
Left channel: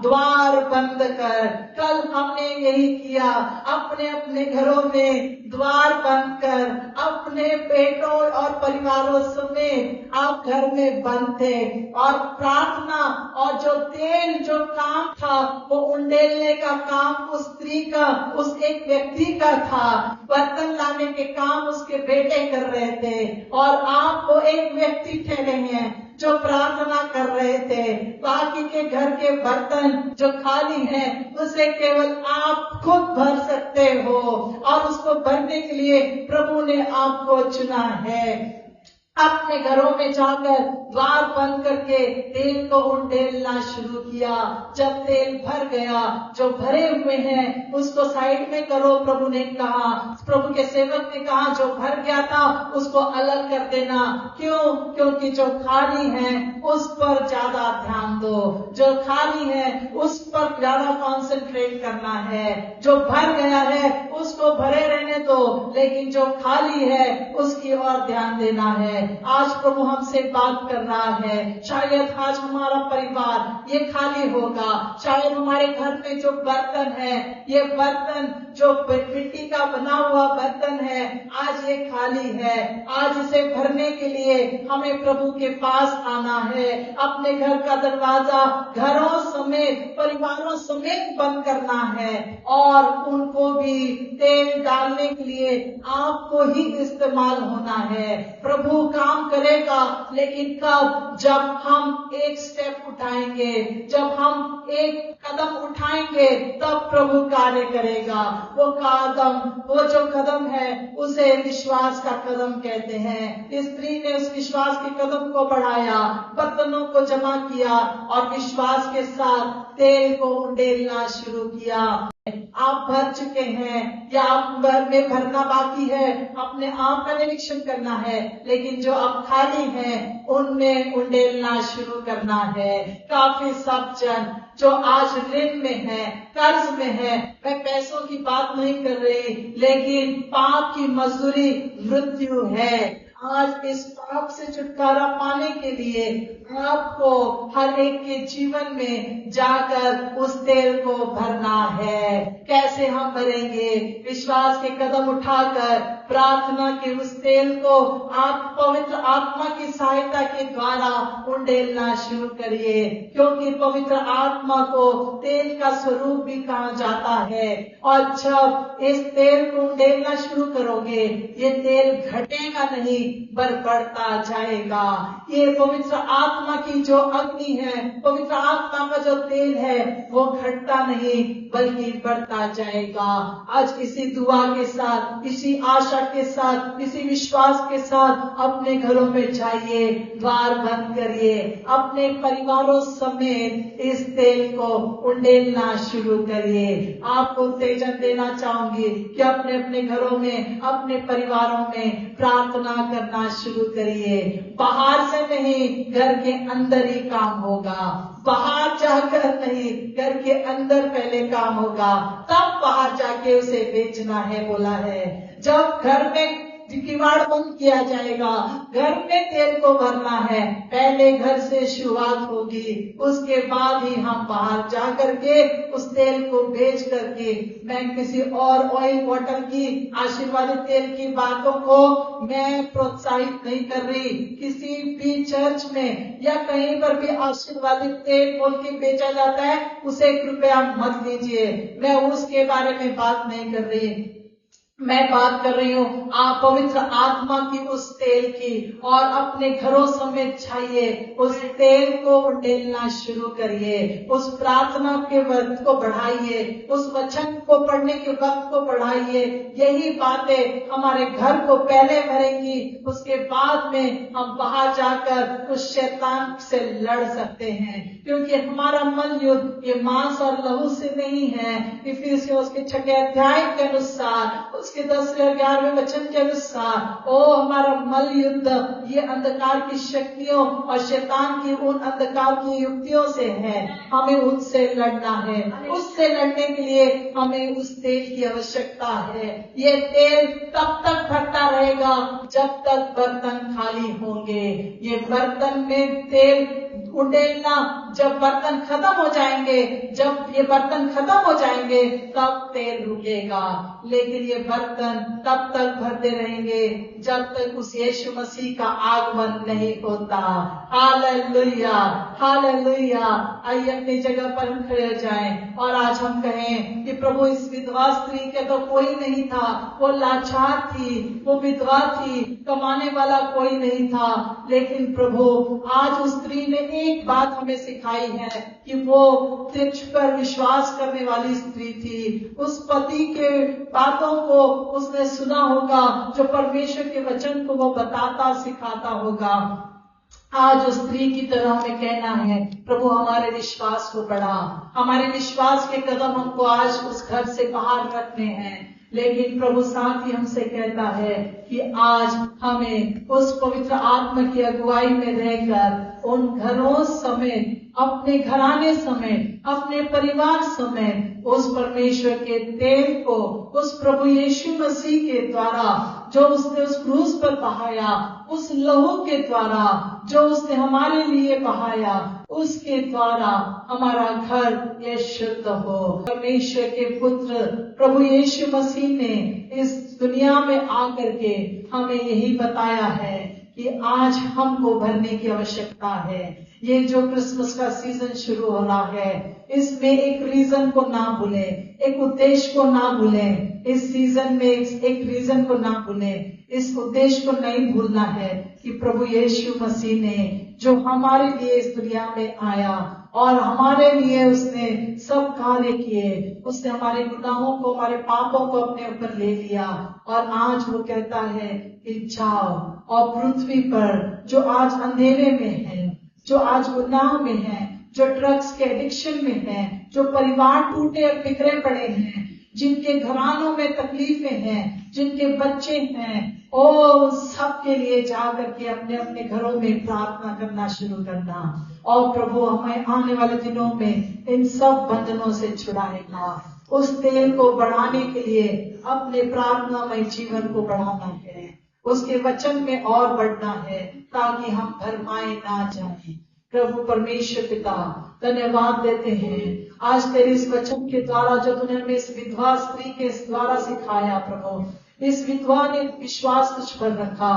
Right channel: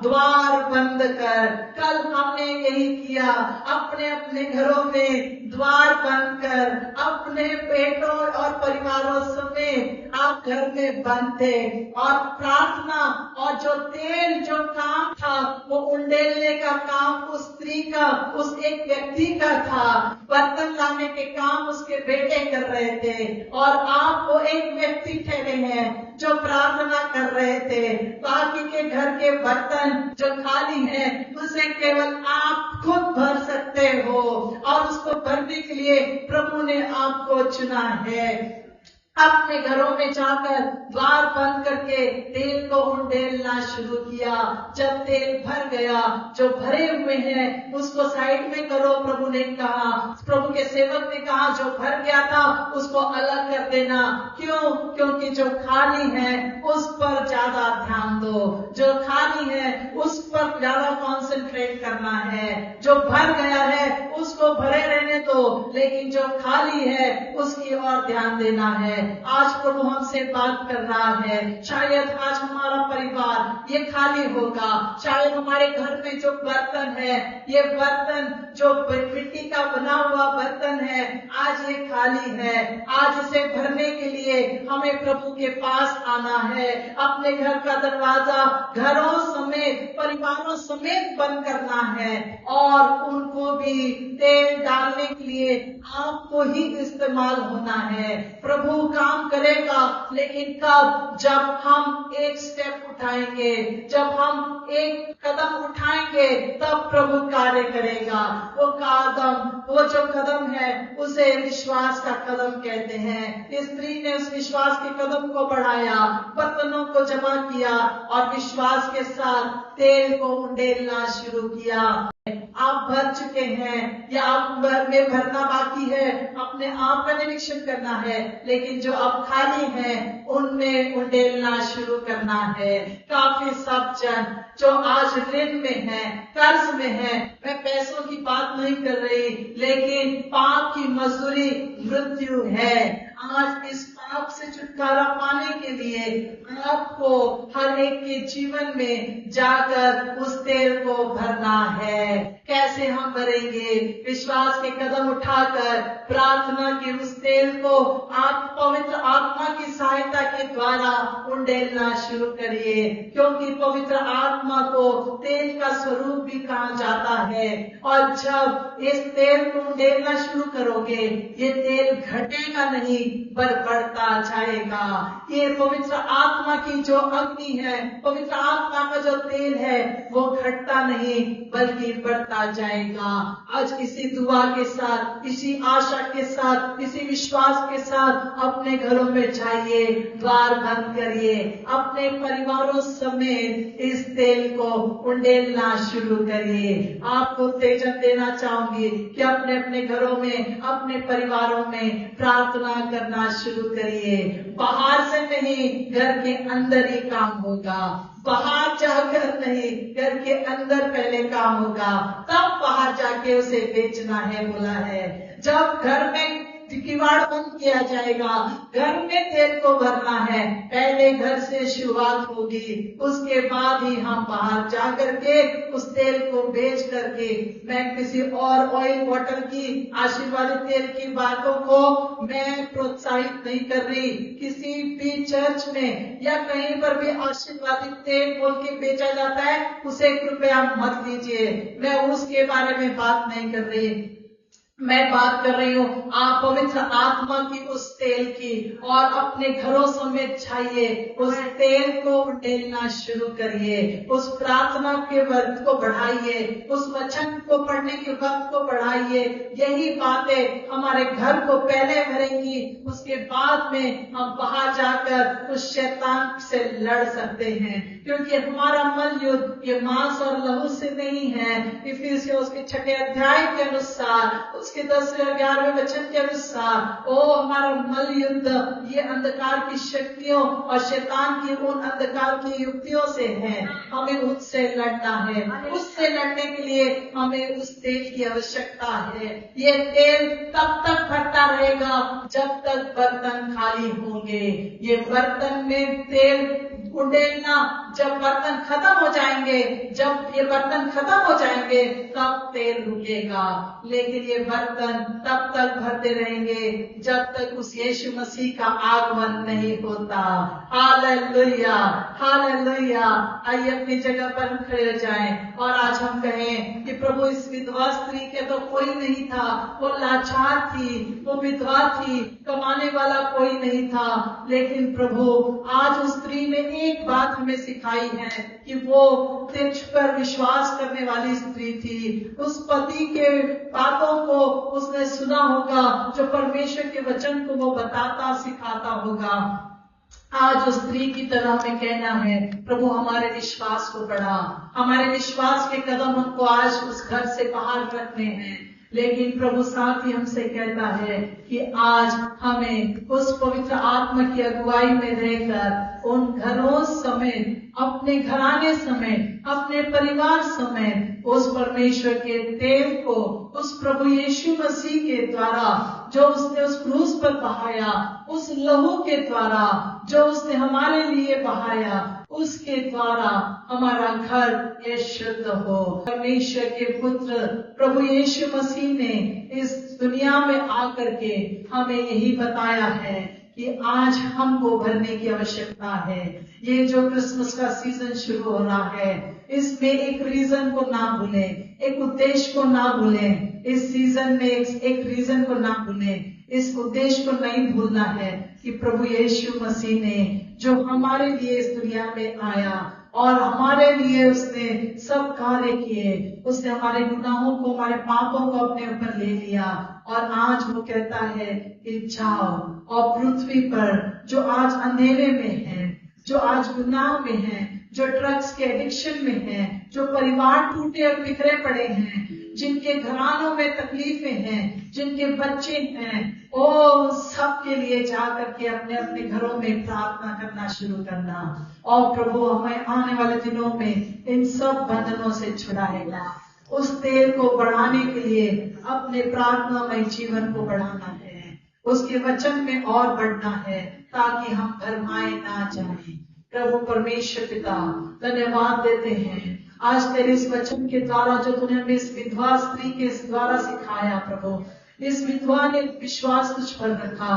द्वार बंद कर। कल हमने यही किया, अपने अपने घरों में द्वार बंद कर, अपने बेटों और परिवारों समेत आप घर में बंद थे और प्रार्थना और जो तेल जो काम था वो उंडेलने का काम उस स्त्री का, उस एक व्यक्ति का था। बर्तन लाने के काम उसके बेटे कर रहे थे और आप वो एक व्यक्ति ठहरे हैं जो प्रार्थना कर रहे थे। बाकी के घर के बर्तन जो खाली हैं उसे केवल आप खुद भर सकते हो और उसको भरने के लिए प्रभु ने आपको चुना है। अपने घरों में जाकर द्वार बंद करके तेल को उंडेलना शुरू किया। जब तेल भर गया, जो भरे हुए हैं उसको साइड में करो, प्रभु ने कहा। प्रभु के सेवक ने कहा जो भर गया था उसको अलग कर देना। क्यों? क्योंकि जो खाली है उस पर ज्यादा ध्यान दो, जो खाली है उस पर ज्यादा कॉन्सेंट्रेट करना है। जो भर गया है उसको भरे रहने दो, लेकिन जो खाली है उसकी ओर ध्यान देना है। आज प्रभु हमसे बात कर रहा है। शायद आज हमारा परिवार ये खाली होगा, शायद हमारे घर में जो बर्तन है, ये बर्तन जो मिट्टी का बना हुआ बर्तन है, आज ये खाली है। आज इसे भरने के लिए हमें प्रभु के पास आना है। अपने घर का दरवाजा घरों समेत, परिवारों समेत बंद करना है और उनको भी तेल डालने के लिए आपको ही इस्तेमाल होना है। प्रभु काम करेगा, लेकिन कब? जब हम एक स्टेप उठाएंगे, जब हम एक कदम उठाएंगे तब प्रभु कार्य करेगा। वो कदम, वो जो कदम है उसे विश्वास का कदम कहते हैं। इस स्त्री ने उस विश्वास के कदम को बढ़ाया, बर्तनों को जमा किया और विश्वास के साथ तेल को उंडेलना शुरू किया। आप भर चुके हैं या आप में भरना बाकी है, अपने आप का निरीक्षण करना है। लेकिन जो अब खाली हैं उनमें उंडेलना शुरू करना है। काफी सब जन जो आज ऋण में है, कर्ज में है, मैं पैसों की बात नहीं कर रही, लेकिन पाप की मजदूरी मृत्यु है। आज इस पाप से छुटकारा पाने के लिए आपको हर एक के जीवन में जाकर उस तेल को भरना है। कैसे हम भरेंगे? विश्वास के कदम उठाकर प्रार्थना के उस तेल को आप पवित्र आत्मा की सहायता के द्वारा उंडेलना शुरू करिए, क्योंकि पवित्र आत्मा को तेल का स्वरूप भी कहा जाता है। और जब इस तेल को उंडेलना शुरू करोगे, ये तेल घटेगा नहीं पर बढ़ता जाएगा। ये पवित्र आत्मा की जो अग्नि है, पवित्र आत्मा का जो तेल है, वो घटता नहीं बल्कि बढ़ता जाएगा। आज इसी दुआ के साथ, इसी आशा के साथ, इसी विश्वास के साथ अपने घरों में जाइए, द्वार बंद करिए, अपने परिवारों समेत इस तेल को उंडेलना शुरू करिए। आपको उत्तेजन देना चाहूंगी कि अपने अपने घरों में, अपने परिवारों में प्रार्थना करना शुरू करिए। बाहर से नहीं, घर के अंदर ही काम होगा। बाहर जाकर नहीं, घर के अंदर पहले काम होगा, तब बाहर जाके उसे बेचना है बोला है। जब घर में किवाड़ बंद किया जाएगा। घर में तेल को भरना है, पहले घर से शुरुआत होगी, उसके बाद ही हम बाहर जा करके उस तेल को बेच करके, मैं किसी और ऑयल बॉटल की आशीर्वादित तेल की बातों को मैं प्रोत्साहित नहीं कर रही। किसी भी चर्च में या कहीं पर भी आशीर्वादित तेल बोल के बेचा जाता है, उसे कृपया मत लीजिए। मैं उसके बारे में बात नहीं कर रही, मैं बात कर रही हूँ आप पवित्र आत्मा की उस तेल की, और अपने घरों समेत छाइए, उस तेल को उंडेलना शुरू करिए, उस प्रार्थना के वक्त को बढ़ाइए, उस वचन को पढ़ने के वक्त को बढ़ाइए। यही बातें हमारे घर को पहले भरेंगी, उसके बाद में हम बाहर जाकर उस शैतान से लड़ सकते हैं, क्योंकि हमारा मल युद्ध ये मांस और लहू से नहीं है। इफिसियों उसके 6 अध्याय के अनुसार, उसके 10-11वें वचन के अनुसार, हमारा मल युद्ध ये अंधकार की शक्तियों और शैतान की उन अंधकार की युक्तियों से है। हमें उससे लड़ना है, उससे लड़ने के लिए हमें उस तेल की आवश्यकता है। ये तेल तब तक भरता रहेगा जब तक बर्तन खाली होंगे। ये बर्तन में तेल उंडेलना, जब बर्तन खत्म हो जाएंगे, जब ये बर्तन खत्म हो जाएंगे तब तेल रुकेगा, लेकिन ये बर्तन तब तक भरते रहेंगे जब तक उस यीशु मसीह का आगमन नहीं होता। Hallelujah, hallelujah. आइए अपनी जगह पर खड़े हो जाएं और आज हम कहें कि प्रभु इस विधवा स्त्री के तो कोई नहीं था, वो लाचार थी, वो विधवा थी, कमाने वाला कोई नहीं था, लेकिन प्रभु आज उस स्त्री ने एक बात हमें सिखाई है कि वो तुझ पर विश्वास करने वाली स्त्री थी। उस पति के बातों को उसने सुना होगा, जो परमेश्वर के वचन को वो बताता सिखाता होगा। आज उस स्त्री की तरह हमें कहना है, प्रभु हमारे विश्वास को बढ़ा, हमारे विश्वास के कदम हमको आज उस घर से बाहर रखने हैं। लेकिन प्रभु साथ ही हमसे कहता है कि आज हमें उस पवित्र आत्मा की अगुवाई में रहकर उन घरों समेत, अपने घराने समेत, अपने परिवार समेत उस परमेश्वर के तेल को, उस प्रभु यीशु मसीह के द्वारा जो उसने उस क्रूस पर बहाया, उस लहू के द्वारा जो उसने हमारे लिए बहाया, उसके द्वारा हमारा घर ये शुद्ध हो। परमेश्वर के पुत्र प्रभु यीशु मसीह ने इस दुनिया में आकर के हमें यही बताया है कि आज हमको भरने की आवश्यकता है। ये जो क्रिसमस का सीजन शुरू हो रहा है, इसमें एक रीजन को ना भूलें, एक उद्देश्य को ना भूलें। इस सीजन में एक रीजन को ना भूलें, इस उद्देश्य को नहीं भूलना है कि प्रभु यीशु मसीह ने जो हमारे लिए इस दुनिया में आया और हमारे लिए उसने सब कार्य किए, उसने हमारे गुनाहों को, हमारे पापों को अपने ऊपर ले लिया, और आज वो कहता है कि जाओ और पृथ्वी पर जो आज अंधेरे में है, जो आज गुनाह में है, जो ड्रग्स के एडिक्शन में है, जो परिवार टूटे और बिखरे पड़े हैं, जिनके घरानों में तकलीफें हैं, जिनके बच्चे हैं, सब के लिए जा करके अपने अपने घरों में प्रार्थना करना शुरू करना। और प्रभु हमें आने वाले दिनों में इन सब बंधनों से छुड़ाएगा। उस तेल को बढ़ाने के लिए अपने प्रार्थनामय जीवन को बढ़ाना है, उसके वचन में और बढ़ना है, ताकि हम भरमाए ना जाएं। प्रभु परमेश्वर पिता धन्यवाद देते हैं आज तेरे इस वचन के द्वारा जो तूने हमें इस विधवा स्त्री के द्वारा सिखाया। प्रभु इस विधवा ने विश्वास तुझ पर रखा,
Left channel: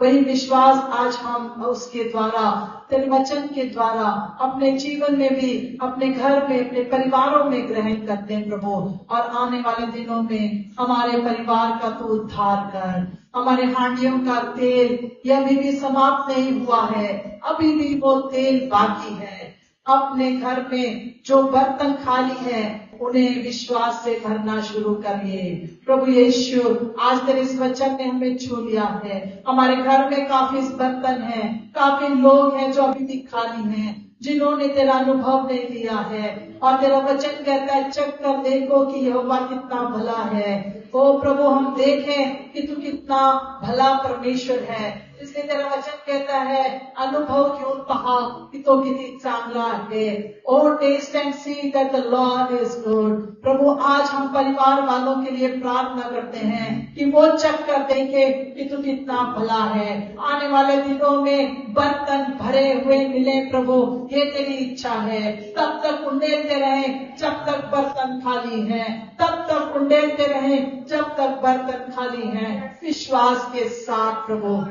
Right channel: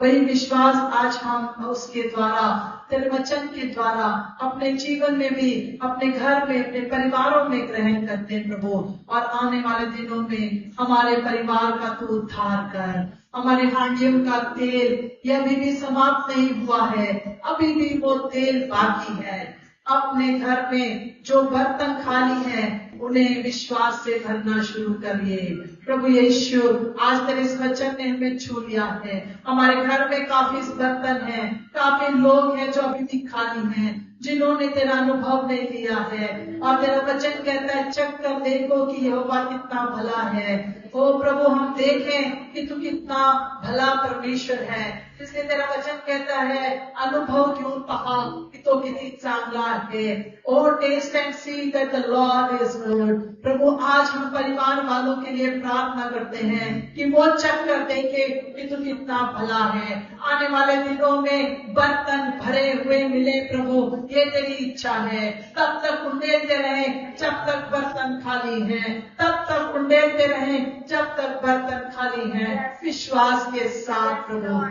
वही विश्वास आज हम उसके द्वारा, तेरे वचन के द्वारा अपने जीवन में भी, अपने घर में, अपने परिवारों में ग्रहण करते हैं प्रभु। और आने वाले दिनों में हमारे परिवार का तू उद्धार कर। हमारे हांडियों का तेल ये अभी भी समाप्त नहीं हुआ है, अभी भी वो तेल बाकी है। अपने घर में जो बर्तन खाली है उन्हें विश्वास से भरना शुरू करिए। प्रभु यीशु आज तेरे इस वचन ने हमें छू लिया है। हमारे घर में काफी बर्तन हैं, काफी लोग हैं जो अभी भी खाली हैं, जिन्होंने तेरा अनुभव नहीं लिया है। और तेरा वचन कहता है चख कर देखो कि यहोवा कितना भला है। ओ प्रभु हम देखें कि तू कितना भला परमेश्वर है, इसलिए तेरा वचन कहता है अनुभव घेऊन पहा की तो किती चांगला आहे. O taste and see that the Lord is good. प्रभु आज हम परिवार वालों के लिए प्रार्थना करते हैं कि वो चख कर देखे कि तू कितना भला है. आने वाले दिनों में बर्तन भरे हुए मिले प्रभु, ये तेरी इच्छा है. तब तक उंडेलते रहे जब तक बर्तन खाली है, तब तक उंडेलते रहे जब तक बर्तन खाली है. विश्वास के साथ प्रभु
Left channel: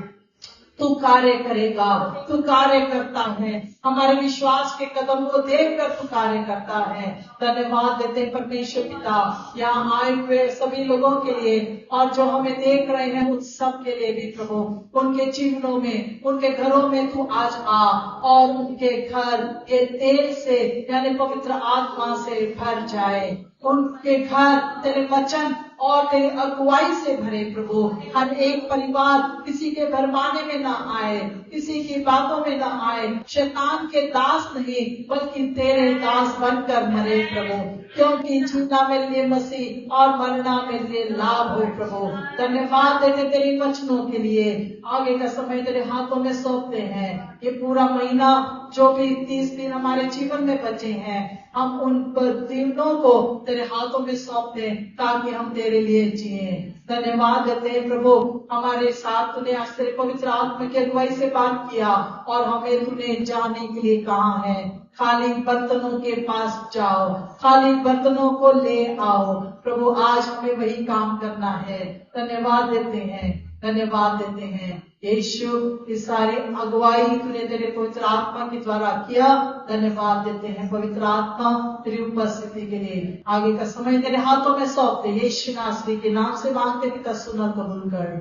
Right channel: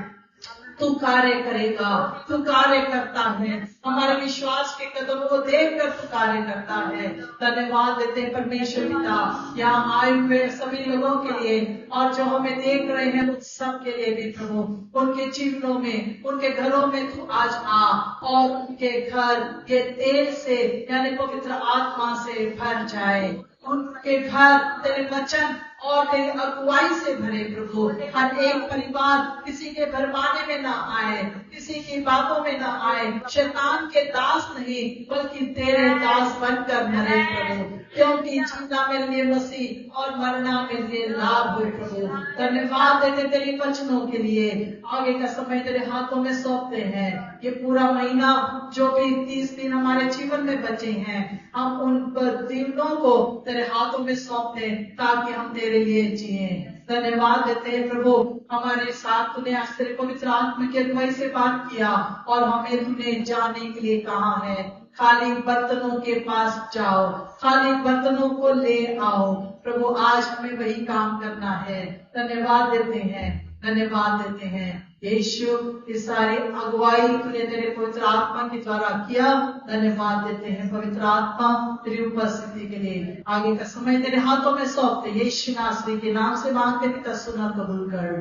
तू कार्य करेगा, तू कार्य करता है. हमारे विश्वास के कदम को देखकर तू कार्य करता है. धन्यवाद देते हैं परमेश्वर पिता यहाँ आए हुए सभी लोगों के लिए और जो हमें देख रहे हैं उन सब के लिए भी प्रभु, उनके जीवनों में, उनके घरों में तू आज आ और उनके घर ये तेल से यानी पवित्र आत्मा से भर जाए. उनके घर तेरे वचन और तेरी अगुवाई से भरे प्रभु. हर एक परिवार किसी के भरमाने में ना आए, किसी की बातों में ना आए, शैतान के दास नहीं बल्कि तेरे दास बनकर मरे प्रभु, क्योंकि जीना मेरे लिए मसीह और मरना मेरे लिए लाभ हो प्रभु. धन्यवाद देते तेरे वचनों के लिए. आगे का समय तेरे हाथों में सौंपते हैं. ये पूरा महीना जो भी 30 दिन हमारे जीवन में बचे हैं, हम उन दिनों को तेरे हाथों में सौंपते ताकि हम तेरे लिए जिए. धन्यवाद देते हैं प्रभु, हमारे साथ तूने आज तेरे पवित्र आत्मा की अगुवाई से बात किया और हमें तूने जाने के लिए कहा है. खाली बर्तनों के पास जाओ, खाली बर्तनों को ले आओ प्रभु. आज हमें वही काम करना है. धन्यवाद देते हैं, धन्यवाद देते हैं यीशु. इस सारी अगुवाई तूने तेरे पवित्र आत्मा के द्वारा किया. धन्यवाद देते हैं पवित्र आत्मा तेरी उपस्थिति के लिए. आगे का समय तेरे हाथों में सौंपते यीशु नासरी के नाम से मांगते पिता, सुना कबूल कर.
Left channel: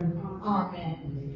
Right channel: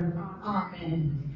आमीन.